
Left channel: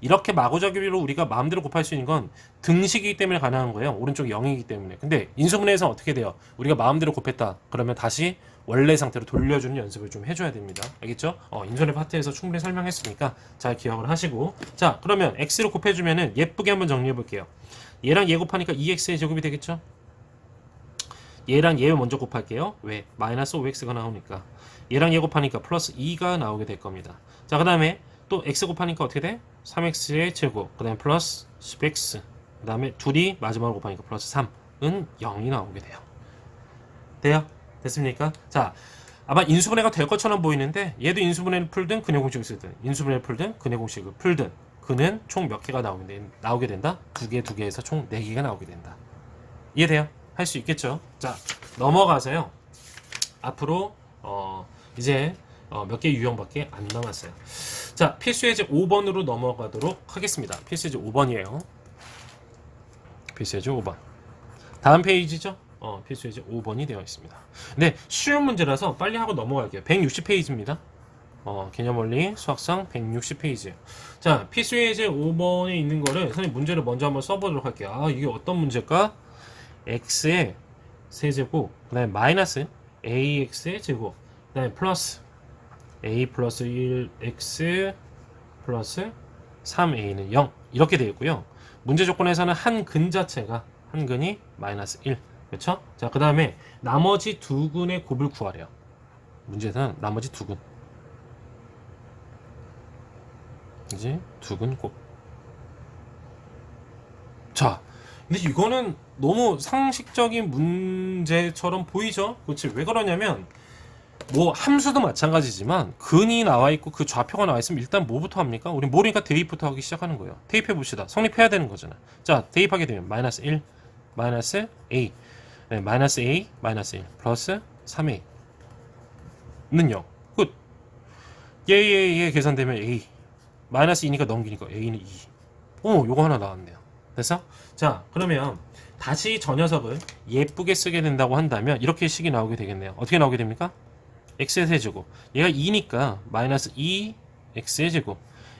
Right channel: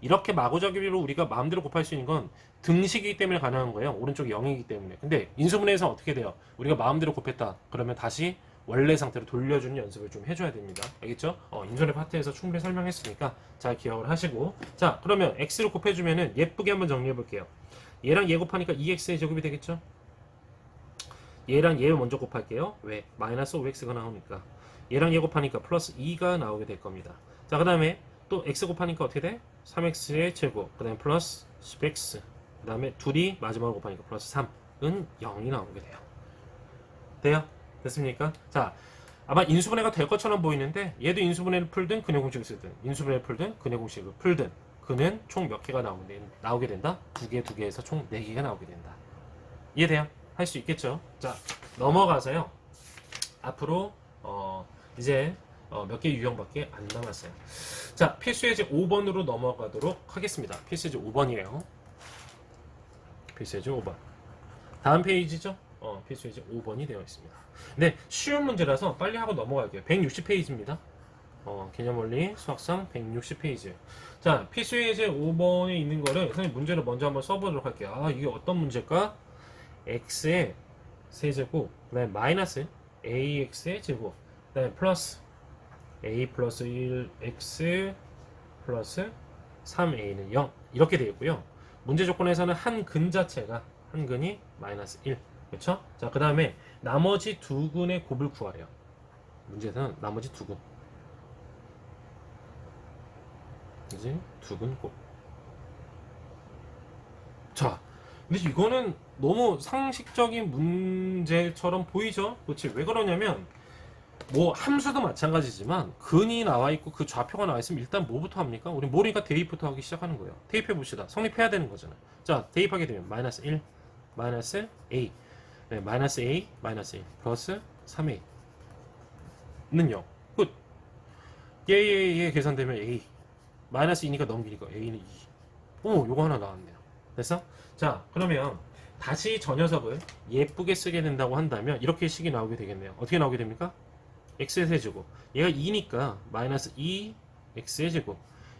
이렇게 마구잡이로 우리가 마음대로 곱할 수 있는 건 등식이기 때문에 가능한 거예요. 오른쪽이 0이기 때문에. 근데 인수분해에서는 어떻게 돼요? 우리가 마음대로 곱했다. 그러면 다시 원래 상태로 돌려주는 연습을 좀 해줘야 됩니다. 알겠죠? 인수분해 파트에서 충분히 설명했으니까 잘 기억을 하시고 자, 그러면 x를 곱해주면은 예쁘게 한번 정리해 볼게요. 얘랑 얘 곱하니까 2x의 제곱이 되겠죠? 얘랑 얘 먼저 곱할게요. 왜? 마이너스 5x가 나오니까. 얘랑 얘 곱하니까 플러스 2가 나오게 될 겁니다. 자, 그 다음에 또 x 곱하니까 어떻게 돼? 3x의 제곱 그 다음에 플러스 10x 그 다음에 둘이 마지막으로 곱하니까 플러스 3은 0이 나오게 돼요. 돼요? 됐습니까? 자, 아마 인수분해가 될 것처럼 보이는데 얘도 인수분해를 풀든 근해 공식을 쓰든 인수분해를 풀든 근해 공식을 풀든 그는 총 몇 개가 나오게 된다? 두 개에서 총 4개가 나오게 된다. 이해돼요? 할 수 있겠죠? 자, 넘어가서요. 앞으로 이제 몇 개 유형밖에 안 남았어요. 자, 필수예제 5번으로 넘어가도록 하겠습니다. 필수예제 5번이에요. 필수예제 5번. 다음 페이지죠? 필수예제 5번이 되어 있습니다. 근데 쉬운 문제라서 빨리 하고 넘어갈게요. 160페이지입니다. 개념원리 수학상 160페이지. 자, 필수예제 5번에 있는 거를 선생님 문제를 먼저 한번 써보도록 할게요. 이게 어떤 문제일까? x의 세제곱, 그 다음에 마이너스 ax의 제곱, 그 다음에 플러스 a 플러스 1x 플러스 3a는 0 이렇게 되어 있고요. 문제 조건에서는 한 근 자체가 한 근이 마이너스 1, 그렇죠? 자, 그 다음에 나머지 두 근의 곱을 구하래요. 문제에서는 나머지 두 근, 이제 두 근 곱. 자, 근데 이거는 너무 상식적인 문제처럼 보이죠? 그렇지? 왜 그러냐면 뭐 함수도 마찬가지지만 근이 나와 있고 그 좌표가 나와 있으면 일단 뭐부터 합니까? 우리 모르니까 대입부터 하기 시작하는 거예요. 대입해 봅시다. 성립해야 되는 거잖아. 자, 대입하게 되면 마이너스 1 마이너스 a, 네, 마이너스 a 마이너스 1 플러스 3a는 0. 끝. 얘 계산되면 a 마이너스 2니까 넘기니까 a는 2. 오, 요거 하나 나왔네요. 됐어? 자, 그러면 다시 저 녀석을 예쁘게 쓰게 된다고 한다면 이렇게 식이 나오게 되겠네요. 어떻게 나오게 됩니까? x의 세제곱, 얘가 2니까 마이너스 2x의 제곱,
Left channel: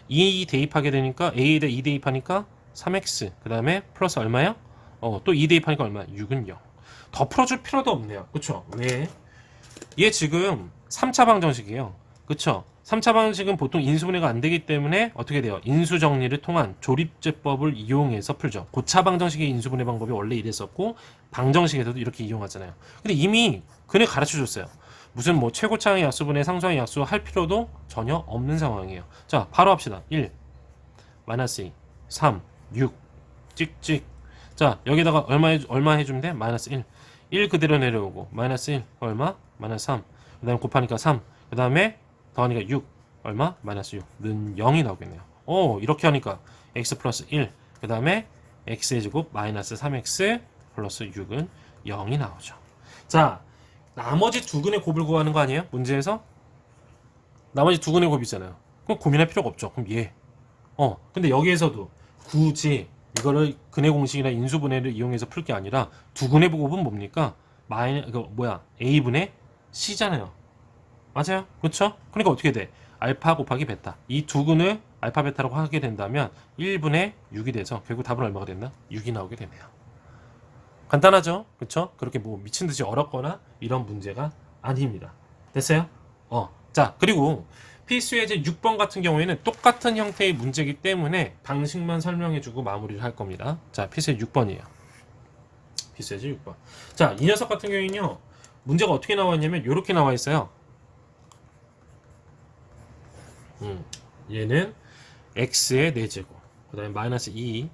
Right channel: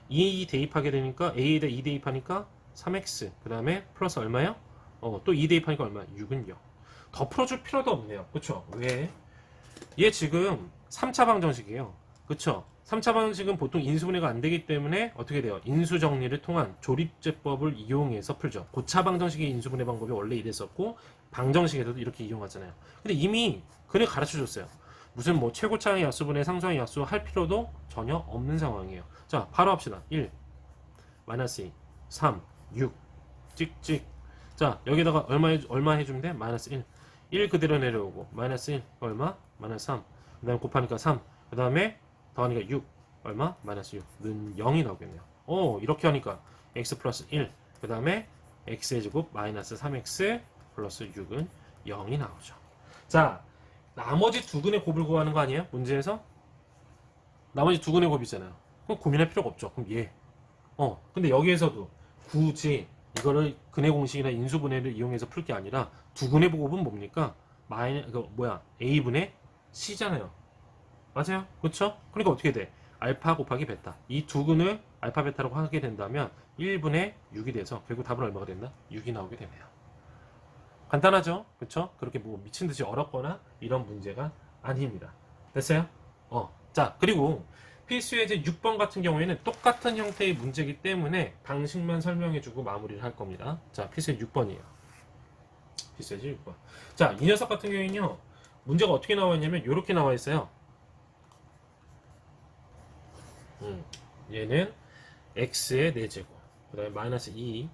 2 대입하게 되니까 a에다 2 대입하니까 3x, 그 다음에 플러스 얼마야? 또 2 대입하니까 얼마? 6은 0. 더 풀어줄 필요도 없네요. 그쵸? 왜? 얘 지금 3차 방정식이에요. 그쵸? 3차 방정식은 보통 인수분해가 안 되기 때문에 어떻게 돼요? 인수정리를 통한 조립제법을 이용해서 풀죠. 고차 방정식의 인수분해 방법이 원래 이랬었고 방정식에서도 이렇게 이용하잖아요. 근데 이미 그네 가르쳐 줬어요. 무슨 뭐 최고차의 약수분해 상수의 약수 할 필요도 전혀 없는 상황이에요. 자, 바로 합시다. 1 마이너스 2 3 6 찍찍. 자, 여기다가 얼마 해주면 돼? 마이너스 1 그대로 내려오고 마이너스 1 얼마? 마이너스 3. 그 다음에 곱하니까 3. 그 다음에 더하니까 6 얼마? 마이너스 6는 0이 나오겠네요. 이렇게 하니까 x 플러스 1, 그 다음에 x의 제곱 마이너스 3x 플러스 6은 0이 나오죠. 자, 나머지 두 근의 곱을 구하는 거 아니에요? 문제에서 나머지 두 근의 곱이 있잖아요. 그럼 고민할 필요가 없죠. 그럼 얘. 근데 여기에서도 굳이 이거를 근의 공식이나 인수분해를 이용해서 풀 게 아니라 두 근의 곱은 뭡니까? a분의 c잖아요. 맞아요. 그렇죠? 그러니까 어떻게 돼? 알파 곱하기 베타. 이 두 근을 알파 베타라고 하게 된다면 1분의 6이 돼서 결국 답은 얼마가 됐나? 6이 나오게 되네요. 간단하죠? 그렇죠? 그렇게 뭐 미친 듯이 어렵거나 이런 문제가 아닙니다. 됐어요? 자, 그리고 필수예제 6번 같은 경우에는 똑같은 형태의 문제이기 때문에 방식만 설명해주고 마무리를 할 겁니다. 자, 필수예제 6번이에요. 필수예제 6번. 자, 이 녀석 같은 경우에는요, 문제가 어떻게 나와 있냐면 이렇게 나와 있어요. 얘는 x의 4제곱, 그 다음에 마이너스 2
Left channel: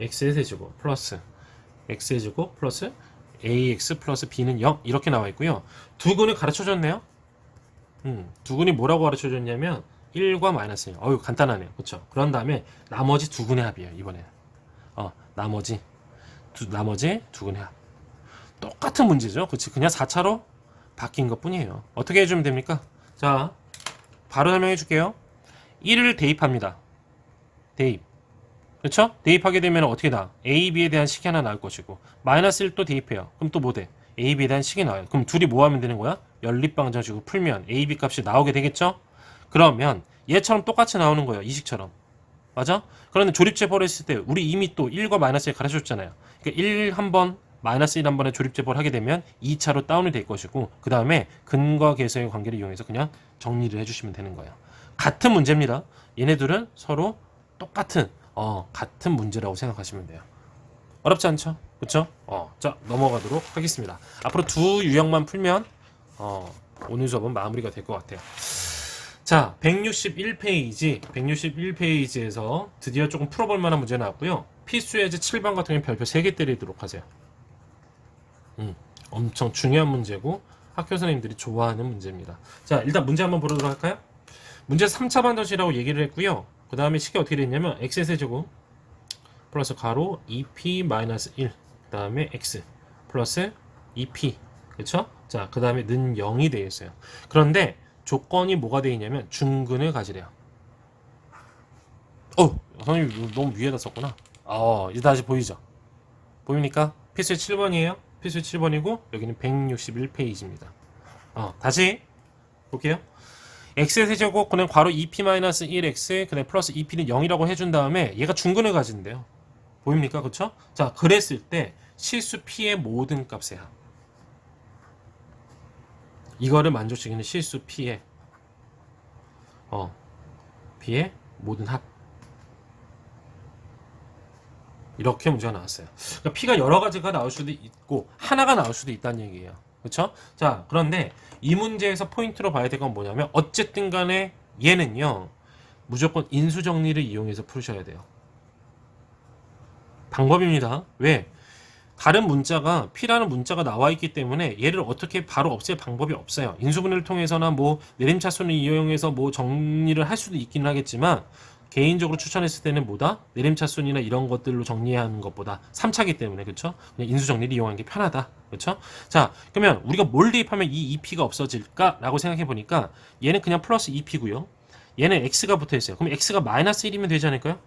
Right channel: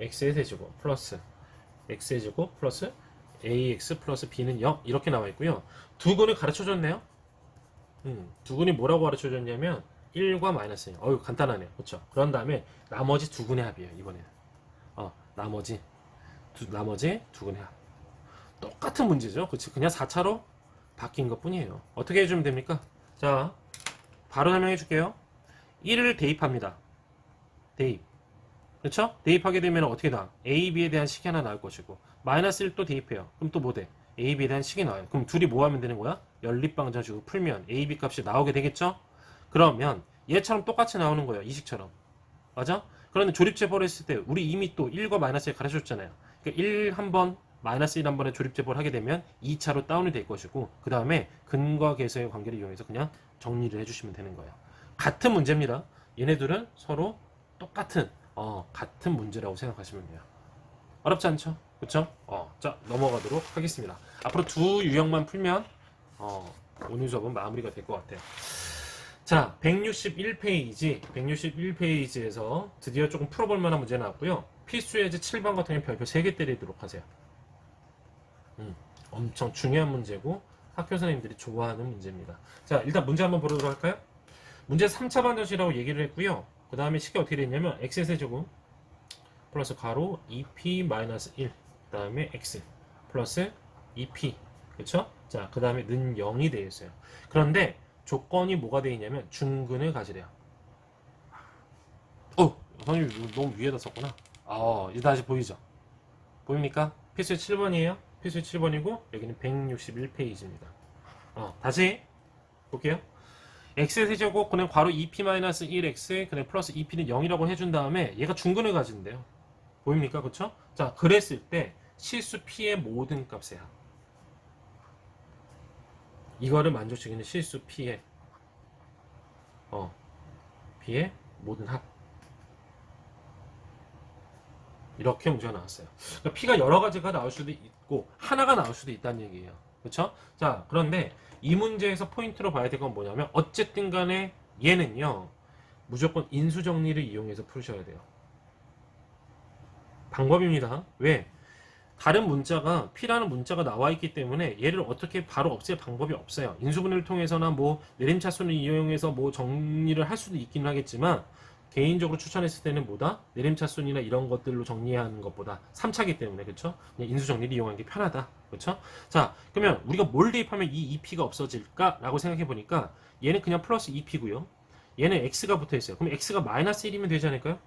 x의 세제곱 플러스 x의 제곱 플러스 ax 플러스 b는 0 이렇게 나와 있고요. 두 근을 가르쳐 줬네요. 두 근이 뭐라고 가르쳐 줬냐면 1과 마이너스 1. 간단하네요. 그렇죠? 그런 다음에 나머지 두 근의 합이에요. 이번에는 나머지 두 근의 합. 똑같은 문제죠. 그렇지? 그냥 4차로 바뀐 것 뿐이에요. 어떻게 해주면 됩니까? 자, 바로 설명해 줄게요. 1을 대입합니다. 대입. 그렇죠? 대입하게 되면 어떻게 나? A, B에 대한 식이 하나 나올 것이고 마이너스 1또 대입해요. 그럼 또 뭐 돼? A, B에 대한 식이 나와요. 그럼 둘이 뭐 하면 되는 거야? 연립방정식으로 풀면 A, B 값이 나오게 되겠죠? 그러면 얘처럼 똑같이 나오는 거예요. 이 식처럼. 맞아? 그런데 조립제법을 했을 때 우리 이미 또 1과 마이너스 1 가르쳐줬잖아요. 그러니까 1 한번 마이너스 1 한 번에 조립제법을 하게 되면 2차로 다운이 될 것이고 그 다음에 근과 계수의 관계를 이용해서 그냥 정리를 해주시면 되는 거예요. 같은 문제입니다. 얘네들은 서로 똑같은 같은 문제라고 생각하시면 돼요. 어렵지 않죠? 그쵸? 자, 넘어가도록 하겠습니다. 앞으로 두 유형만 풀면 오늘 수업은 마무리가 될 것 같아요. 자, 161페이지에서 드디어 조금 풀어볼 만한 문제 나왔고요. 필수예제 7번 같은 경우는 별표 3개 때리도록 하세요. 엄청 중요한 문제고 학교 선생님들이 좋아하는 문제입니다. 자, 일단 문제 한번 보도록 할까요? 문제 3차 방정식이라고 얘기를 했고요. 그 다음에 식이 어떻게 됐냐면 x의 세제곱 플러스 가로 2p-1 그 다음에 x 플러스 2p 그쵸? 자, 그 다음에 는 0이 되어 있어요. 그런데 조건이 뭐가 되어 있냐면 중근을 가지래요. 선생님 너무 위에다 썼구나. 이제 다시 보이죠? 보입니까? 필수 7번이에요. 필수 7번이고 여기는 161페이지입니다. 다시 볼게요. x의 세제곱 그냥 괄호 2p-1x 그다음에 플러스 2p는 0이라고 해준 다음에 얘가 중근을 가진대요. 보입니까? 그쵸? 자, 그랬을 때 실수 P의 모든 값의 합. 이거를 만족시키는 실수 P의 P의 모든 합. 이렇게 문제가 나왔어요. 그러니까 P가 여러 가지가 나올 수도 있고 하나가 나올 수도 있다는 얘기예요. 그렇죠? 자, 그런데 이 문제에서 포인트로 봐야 될 건 뭐냐면 어쨌든 간에 얘는요. 무조건 인수정리를 이용해서 풀으셔야 돼요. 방법입니다. 왜? 다른 문자가 P라는 문자가 나와 있기 때문에 얘를 어떻게 바로 없앨 방법이 없어요. 인수분해를 통해서나 뭐 내림차순을 이용해서 뭐 정리를 할 수도 있기는 하겠지만 개인적으로 추천했을 때는 뭐다? 내림차순이나 이런 것들로 정리하는 것보다 3차기 때문에 그렇죠? 그냥 인수정리를 이용하는 게 편하다. 그렇죠? 자, 그러면 우리가 뭘 대입하면 이 2P가 없어질까라고 생각해 보니까 얘는 그냥 플러스 2P고요. 얘는 X가 붙어 있어요. 그럼 X가 마이너스 1이면 되지 않을까요?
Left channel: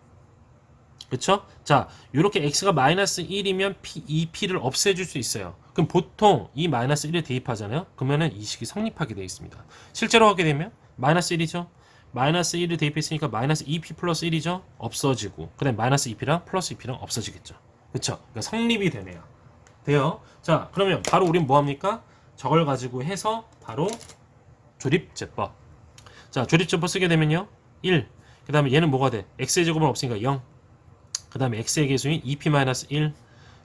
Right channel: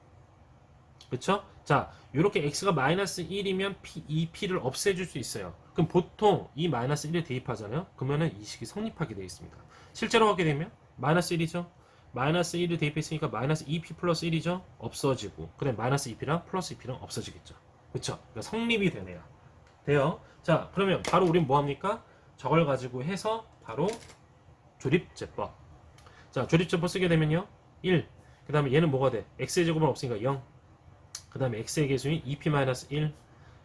그렇죠? 자, 이렇게 x가 마이너스 1이면 이 p를 없애줄 수 있어요. 그럼 보통 이 마이너스 1을 대입하잖아요. 그러면은 이 식이 성립하게 되어 있습니다. 실제로 하게 되면 마이너스 1이죠. 마이너스 1을 대입했으니까 마이너스 2p 플러스 1이죠. 없어지고 그 다음에 마이너스 2p랑 플러스 2p랑 없어지겠죠. 그렇죠? 그러니까 성립이 되네요. 돼요. 자, 그러면 바로 우린 뭐합니까? 저걸 가지고 해서 바로 조립제법. 자, 조립제법 쓰게 되면요. 1. 그 다음에 얘는 뭐가 돼? x의 제곱은 없으니까 0. 그 다음에 x의 계수인 2p-1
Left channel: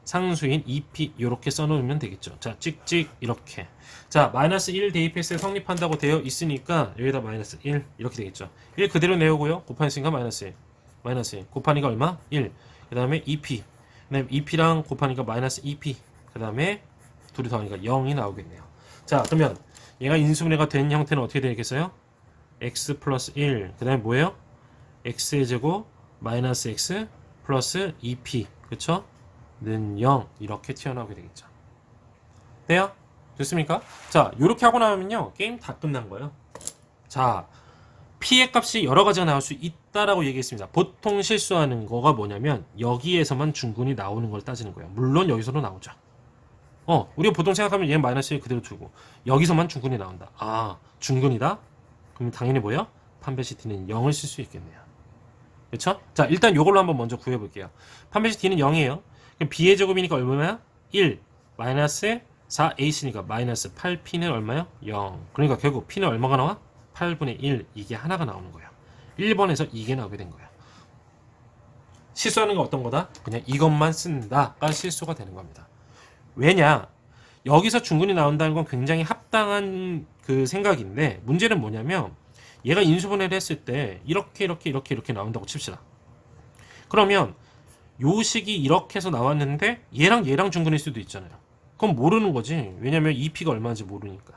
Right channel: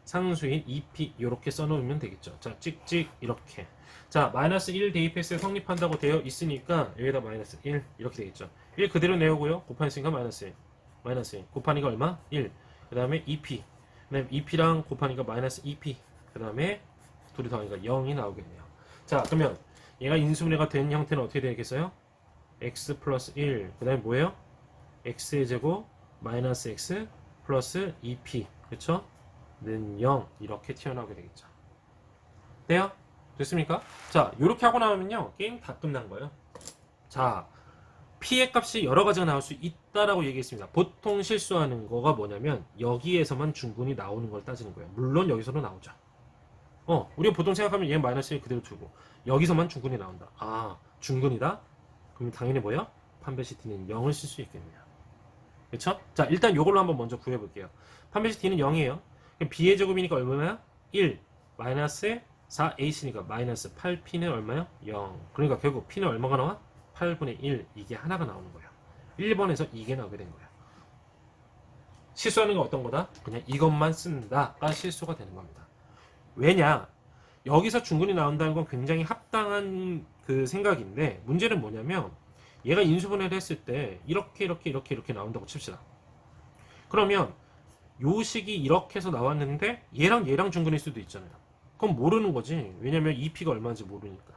상수인 2p 이렇게 써놓으면 되겠죠. 자, 찍찍 이렇게. 자, 마이너스 1 대입했을 때 성립한다고 되어 있으니까 여기다 마이너스 1 이렇게 되겠죠. 1 그대로 내오고요. 곱하니까 마이너스 1. 마이너스 1. 곱하니까 얼마? 1. 그 다음에 2p. 그 다음에 2p랑 곱하니까 마이너스 2p. 그 다음에 둘이 더하니까 0이 나오겠네요. 자, 그러면 얘가 인수분해가 된 형태는 어떻게 되겠어요? x 플러스 1. 그 다음에 뭐예요? x의 제곱 마이너스 x 플러스 2p 그쵸? 는 0 이렇게 튀어나오게 되겠죠. 돼요? 됐습니까? 자, 이렇게 하고 나오면요 게임 다 끝난 거예요. 자, p의 값이 여러 가지가 나올 수 있다라고 얘기했습니다. 보통 실수하는 거가 뭐냐면 여기에서만 중근이 나오는 걸 따지는 거예요. 물론 여기서도 나오죠. 우리가 보통 생각하면 얘는 마이너스 1 그대로 두고 여기서만 중근이 나온다. 아, 중근이다? 그럼 당연히 뭐예요? 판별시 t는 0을 쓸 수 있겠네요. 그렇죠? 자, 일단 요걸로 한번 먼저 구해 볼게요. 판별시 t는 0이에요. 그럼 b의 제곱이니까 얼마야? 1 마이너스 4ac니까 마이너스 8p는 얼마야? 0. 그러니까 결국 p는 얼마가 나와? 8분의 1 이게 하나가 나오는 거예요. 1번에서 이게 나오게 된 거예요. 실수하는 건 어떤 거다? 그냥 이것만 쓴다가 실수가 되는 겁니다. 왜냐? 여기서 중근이 나온다는 건 굉장히 합당한 그 생각인데 문제는 뭐냐면 얘가 인수분해를 했을 때 이렇게 나온다고 칩시다. 그러면 요 식이 이렇게 해서 나왔는데 얘랑 중근일 수도 있잖아요. 그럼 모르는 거지. 왜냐면 2p가 얼마인지 모르니까.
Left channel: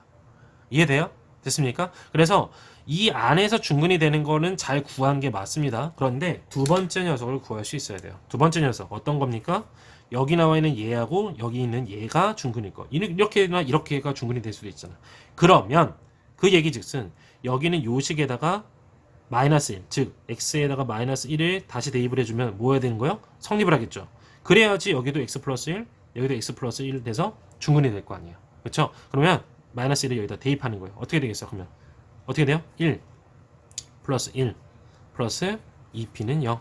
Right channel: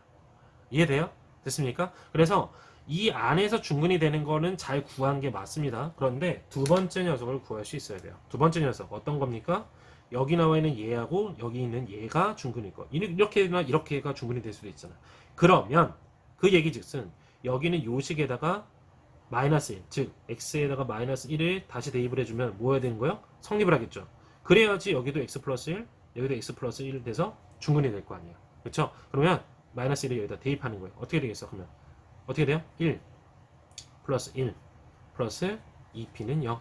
이해돼요? 됐습니까? 그래서 이 안에서 중근이 되는 거는 잘 구한 게 맞습니다. 그런데 두 번째 녀석을 구할 수 있어야 돼요. 두 번째 녀석 어떤 겁니까? 여기 나와 있는 얘하고 여기 있는 얘가 중근일 거. 이렇게나 이렇게가 중근이 될 수도 있잖아. 그러면 그 얘기즉슨 여기는 요식에다가 마이너스 1, 즉 x에다가 마이너스 1을 다시 대입을 해주면 뭐 해야 되는 거예요? 성립을 하겠죠. 그래야지 여기도 x 플러스 1, 여기도 x 플러스 1 돼서 중근이 될 거 아니에요. 그렇죠? 그러면 마이너스 1을 여기다 대입하는 거예요. 어떻게 되겠어요? 그러면 어떻게 돼요? 1 플러스 1 플러스 2p는 0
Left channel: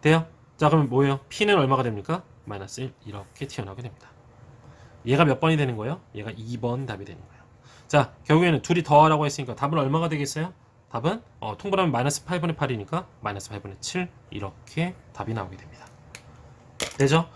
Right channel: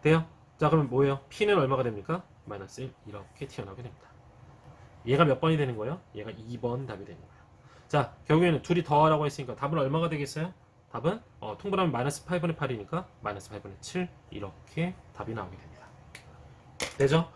돼요? 자, 그러면 뭐예요? p는 얼마가 됩니까? 마이너스 1 이렇게 튀어나오게 됩니다. 얘가 몇 번이 되는 거예요? 얘가 2번 답이 되는 거예요. 자, 결국에는 둘이 더하라고 했으니까 답은 얼마가 되겠어요? 답은 통분하면 마이너스 8분의 8이니까 마이너스 8분의 7 이렇게 답이 나오게 됩니다. 되죠?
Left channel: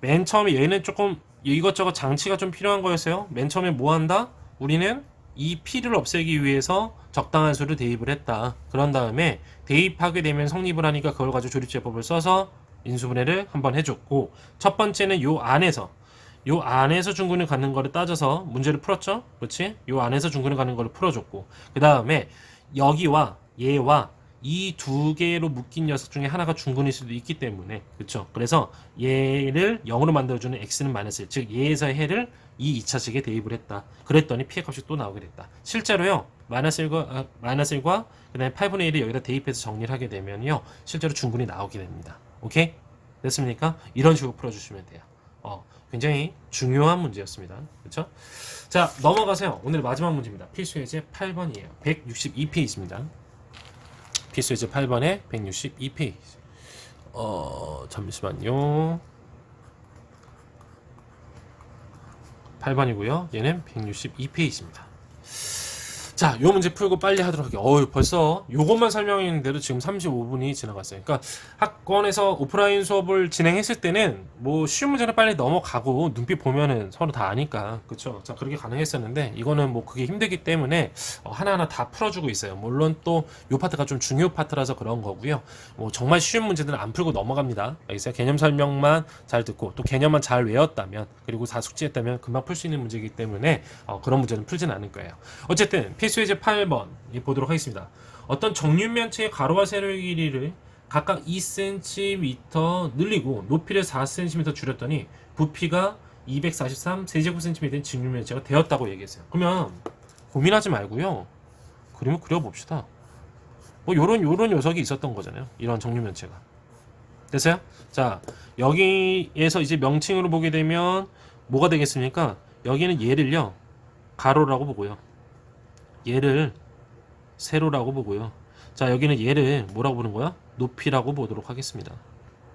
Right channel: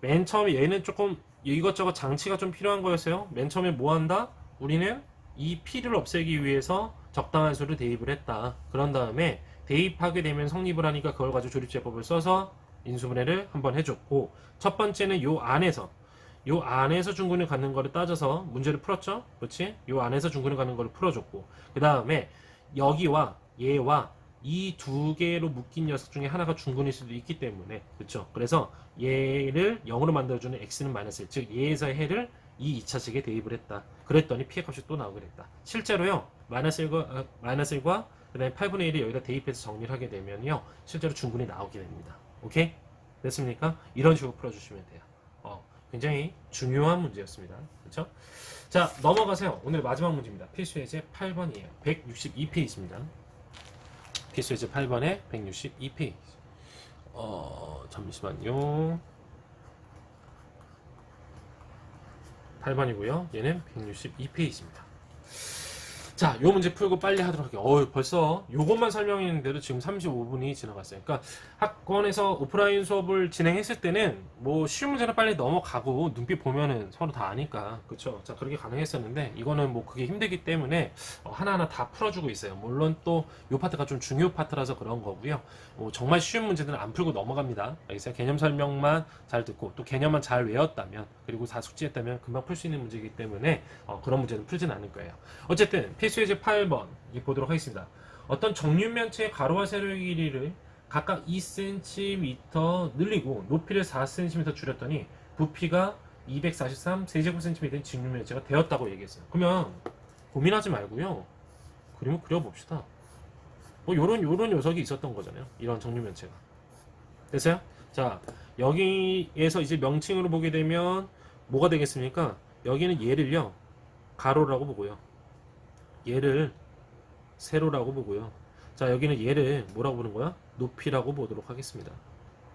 맨 처음에 얘는 조금 이것저것 장치가 좀 필요한 거였어요. 맨 처음에 뭐 한다? 우리는 이 p를 없애기 위해서 적당한 수를 대입을 했다. 그런 다음에 대입하게 되면 성립을 하니까 그걸 가지고 조립제법을 써서 인수분해를 한번 해줬고 첫 번째는 요 안에서 중근을 갖는 거를 따져서 문제를 풀었죠. 그렇지? 요 안에서 중근을 갖는 거를 풀어줬고 그 다음에 여기와 얘와 이 두 개로 묶인 녀석 중에 하나가 중근일 수도 있기 때문에 그렇죠. 그래서 얘를 0으로 만들어주는 x는 마이너스 1, 즉 얘에서 해를 이 2차식에 대입을 했다. 그랬더니 p의 값이 또 나오게 됐다. 실제로요. 마이너스 1과 그 다음에 8분의 1을 여기다 대입해서 정리를 하게 되면요. 실제로 중근이 나오게 됩니다. 오케이? 됐습니까? 이런 식으로 풀어주시면 돼요. 굉장히 중요한 문제였습니다. 그렇죠? 자, 넘어가세요. 오늘 마지막 문제입니다. 필수 예제 8번이에요. 162페이지입니다. 필수 예제 8번에 162페이지. 잠시만요. 168번이고요. 얘는 162페이지입니다. 자, 요 문제 풀고 빨리 하도록 할게요. 벌써 요것만 설명했는데도 지금 35분이 지나갔어요. 그러니까 학원에서 오프라인 수업을 진행했을 때는 뭐 쉬운 문제는 빨리 넘어가고 눈빛 보면은 서로 다 아니까, 그쵸? 자, 그렇게 가능했었는데 이거는 뭐 그게 힘들기 때문에 하나하나 다 풀어주고 있어요. 물론 또 요 파트가 좀 중요 파트라서 그런 거고요. 뭐 정말 쉬운 문제들은 안 풀고 넘어갑니다. 알겠어요? 개념 설명만 잘 듣고 또 개념만 잘 외웠다면, 그리고 다 숙지했다면 금방 풀 수 있는 문제이기 때문에 그런 문제는 풀진 않을 거예요. 어쨌든 필수예제 8번 보도록 하겠습니다. 어떤 정육면체의 가로와 세로의 길이를 각각 2cm 늘리고 높이를 4cm 줄였더니 부피가 243 세제곱센티미터인 직육면체가 되었다고 얘기했어요. 그러면 고민하지 말고요, 그림을 그려봅시다. 뭐 요런 녀석이 있었던 거잖아요. 이런 정육면체가. 됐어요? 자, 여기에서 이제 명칭으로 보게 되면 뭐가 되겠습니까? 여기는 얘를요 가로라고 보고요, 얘를 세로라고 보고요. 자, 여기는 얘를 뭐라고 보는 거야? 높이라고 보도록 하겠습니다.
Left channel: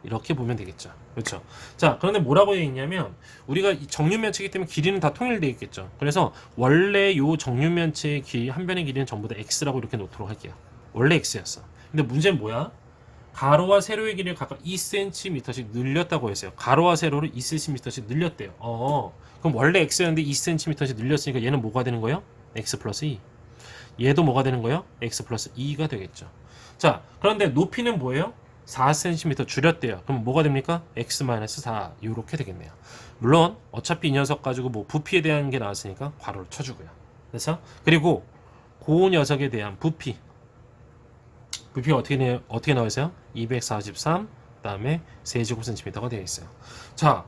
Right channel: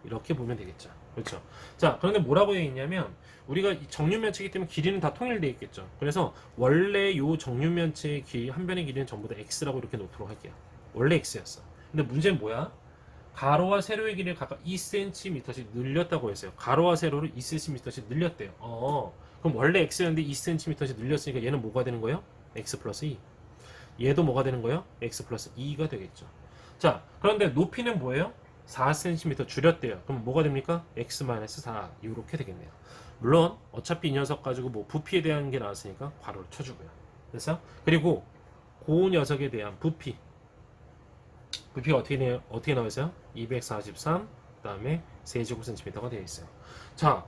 이렇게 보면 되겠죠. 그렇죠? 자, 그런데 뭐라고 되어 있냐면 우리가 이 정육면체이기 때문에 길이는 다 통일되어 있겠죠. 그래서 원래 요 정육면체의 길이, 한 변의 길이는 전부 다 x라고 이렇게 놓도록 할게요. 원래 x였어. 근데 문제는 뭐야? 가로와 세로의 길이를 각각 2cm씩 늘렸다고 했어요. 가로와 세로를 2cm씩 늘렸대요. 그럼 원래 x였는데 2cm씩 늘렸으니까 얘는 뭐가 되는 거예요? x 플러스 2. 얘도 뭐가 되는 거예요? x 플러스 2가 되겠죠. 자, 그런데 높이는 뭐예요? 4cm 줄였대요. 그럼 뭐가 됩니까? x 마이너스 4 이렇게 되겠네요. 물론 어차피 이 녀석 가지고 뭐 부피에 대한 게 나왔으니까 괄호를 쳐주고요. 그래서 그리고 그 녀석에 대한 부피가 어떻게 나와 있어요? 243 그다음에 세제곱센티미터가 되어 있어요. 자,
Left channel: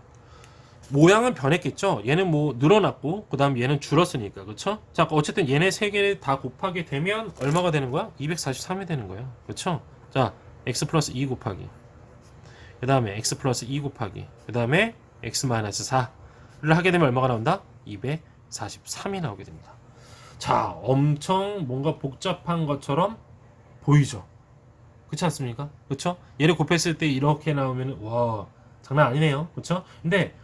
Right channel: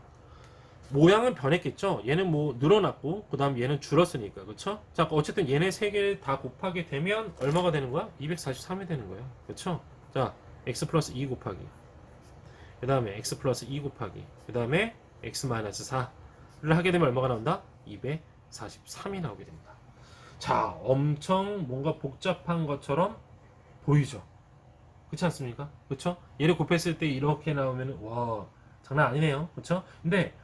모양은 변했겠죠. 얘는 뭐 늘어났고 그 다음 얘는 줄었으니까, 그렇죠? 자, 어쨌든 얘네 세 개를 다 곱하게 되면 얼마가 되는 거야? 243이 되는 거예요. 그렇죠? 자, x 플러스 2 곱하기, 그 다음에 x 플러스 2 곱하기, 그 다음에 x 마이너스 4를 하게 되면 얼마가 나온다? 243이 나오게 됩니다. 자, 엄청 뭔가 복잡한 것처럼 보이죠? 그렇지 않습니까? 그렇죠? 얘를 곱했을 때 이렇게 나오면 와, 장난 아니네요. 그렇죠? 근데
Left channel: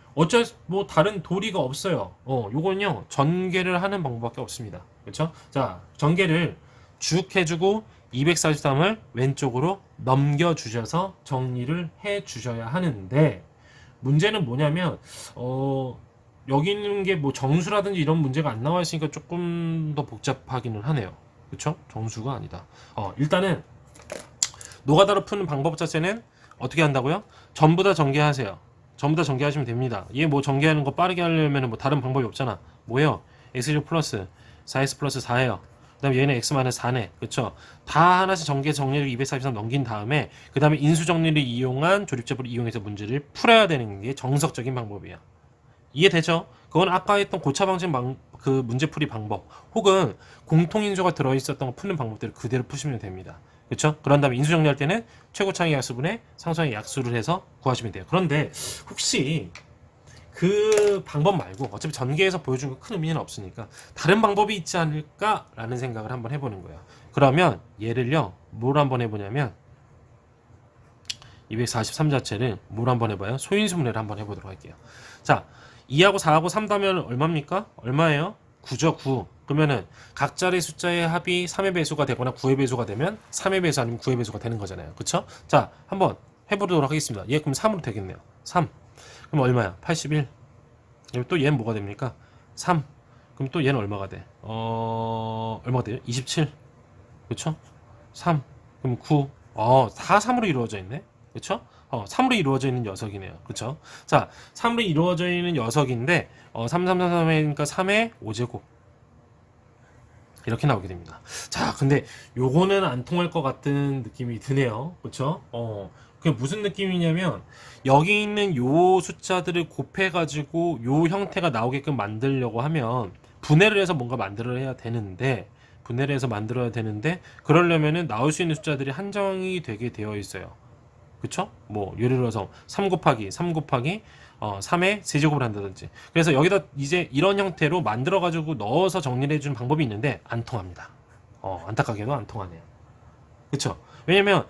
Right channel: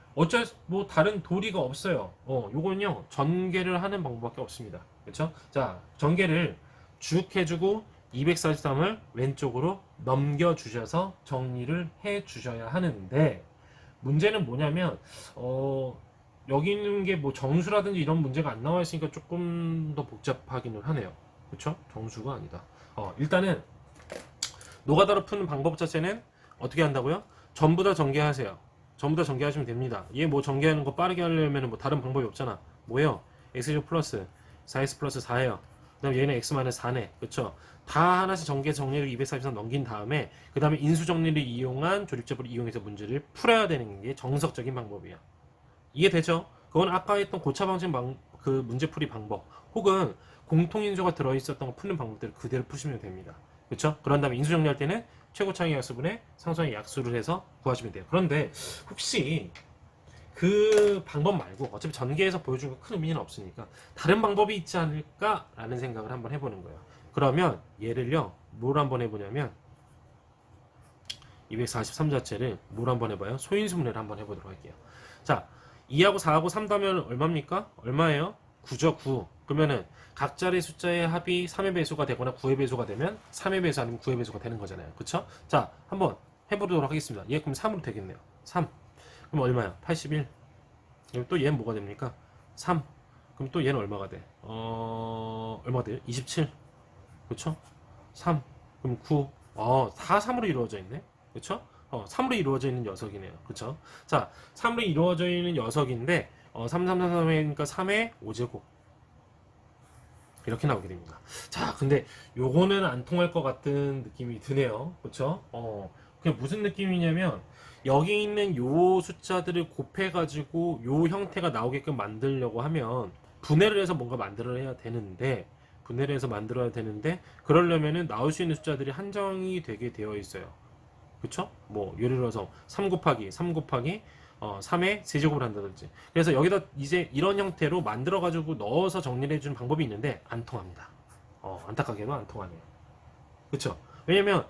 뭐 다른 도리가 없어요. 요건요 전개를 하는 방법밖에 없습니다. 그렇죠? 자, 전개를 쭉 해주고 243을 왼쪽으로 넘겨주셔서 정리를 해주셔야 하는데, 문제는 뭐냐면 여기 있는 게 뭐 정수라든지 이런 문제가 안 나와 있으니까 조금 더 복잡하기는 하네요. 그렇죠? 정수가 아니다. 일단은 노가다로 푸는 방법 자체는 어떻게 한다고요? 전부 다 전개하세요. 전부 다 전개하시면 됩니다. 얘 뭐 전개하는 거 빠르게 하려면 뭐 다른 방법이 없잖아. 뭐예요? x제곱 플러스 4x 플러스 4예요. 그 다음에 얘는 x 마이너스 4네. 그쵸? 다 하나씩 정리를 243 넘긴 다음에 그 다음에 인수정리를 이용한 조립제법을 이용해서 문제를 풀어야 되는 게 정석적인 방법이야. 이해되죠? 그건 아까 했던 고차방식 그 문제풀이 방법 혹은 공통인수가 들어있었던 거 푸는 방법대로 그대로 푸시면 됩니다. 그렇죠? 그런 다음에 인수정리할 때는 최고차이 약수분의 상수항의 약수를 해서 구하시면 돼요. 그런데 혹시 그 방법 말고 어차피 전개해서 보여준 거 큰 의미는 없으니까 다른 방법이 있지 않을까라는 생각을 한번 해보는 거예요. 그러면 얘를요 뭘 한번 해보냐면 243 자체를 뭘 한번 해봐요? 소인수분해를 한번 해보도록 할게요. 자, 2하고 4하고 3 더하면 얼마입니까? 얼마예요? 9죠, 9. 그러면은 각자의 숫자의 합이 3의 배수가 되거나 9의 배수가 되면 3의 배수 아니면 9의 배수가 되는 거잖아요. 그쵸? 자, 한번 해보도록 하겠습니다. 얘 그럼 3으로 되겠네요. 3. 그럼 얼마야? 81. 또 얘는 뭐가 됩니까? 3. 그럼 또 얘는 얼마가 돼? 얼마가 돼요? 27. 그쵸? 3. 그럼 9. 4, 3으로 이루어져 있네. 그쵸? 3으로 이루어져 있는 녀석이네요. 그쵸? 자, 3으로 이루어져 있는 녀석인데 3, 3, 3, 3이니까 3의 5제곱 이렇게 나오게 됩니다. 자, 근데 요거는 안 통할 것 같은 느낌이 드네요. 그쵸? 그게 무슨 느낌이냐면 여기 있는 요 숫자들을 곱해가지고 요 형태가 나오게끔 만들려고 하면 분해를 해서 뭔가 만들어야 되는데 그러려면은 나올 수 있는 숫자들이 한정이 되게 되어 있어요. 그쵸? 뭐 예를 들어서 3 곱하기 3의 세제곱을 한다든지. 그래서 여기다 이제 이런 형태로 만들어 가지고 넣어서 정리를 해주는 방법이 있는데 안 통합니다. 안타깝게도 안 통하네요. 그쵸? 왜냐면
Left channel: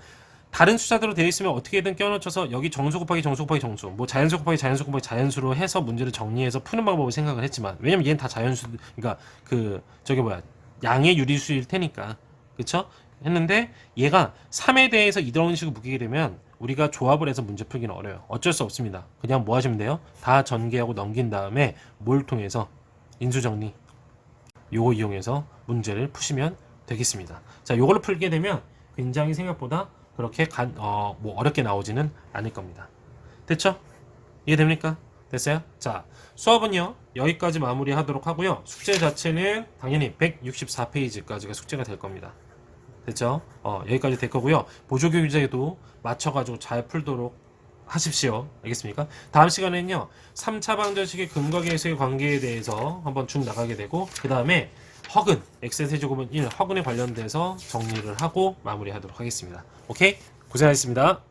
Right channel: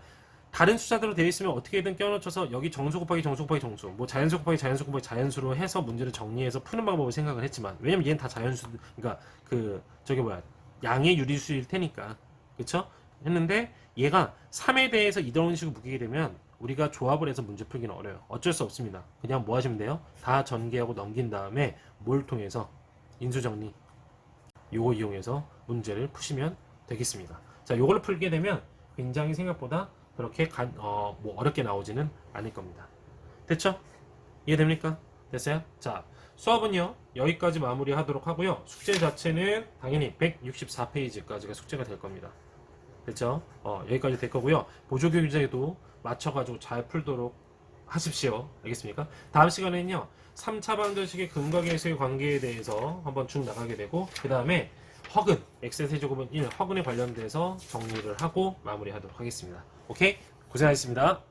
다른 숫자대로 되어 있으면 어떻게든 껴넣어서 여기 정수 곱하기 정수 곱하기 정수, 뭐 자연수 곱하기 자연수 곱하기 자연수로 해서 문제를 정리해서 푸는 방법을 생각을 했지만, 왜냐면 얘는 다 자연수, 그러니까 그 저기 뭐야, 양의 유리수일 테니까, 그쵸? 했는데 얘가 3에 대해서 이런 식으로 묶이게 되면 우리가 조합을 해서 문제 풀기는 어려워요. 어쩔 수 없습니다. 그냥 뭐 하시면 돼요? 다 전개하고 넘긴 다음에 뭘 통해서 인수정리, 요거 이용해서 문제를 푸시면 되겠습니다. 자, 요걸로 풀게 되면 굉장히 생각보다 그렇게 뭐 어렵게 나오지는 않을 겁니다. 됐죠? 이해됩니까? 됐어요? 자, 수업은요 여기까지 마무리하도록 하고요. 숙제 자체는 당연히 164페이지까지가 숙제가 될 겁니다. 됐죠? 여기까지 될 거고요. 보조교재도 맞춰가지고 잘 풀도록 하십시오. 알겠습니까? 다음 시간에는요 3차 방정식의 근거 계수의 관계에 대해서 한번 쭉 나가게 되고, 그 다음에 허근, x의 세제곱은 1, 허근에 관련돼서 정리를 하고 마무리하도록 하겠습니다. 오케이? 고생하셨습니다.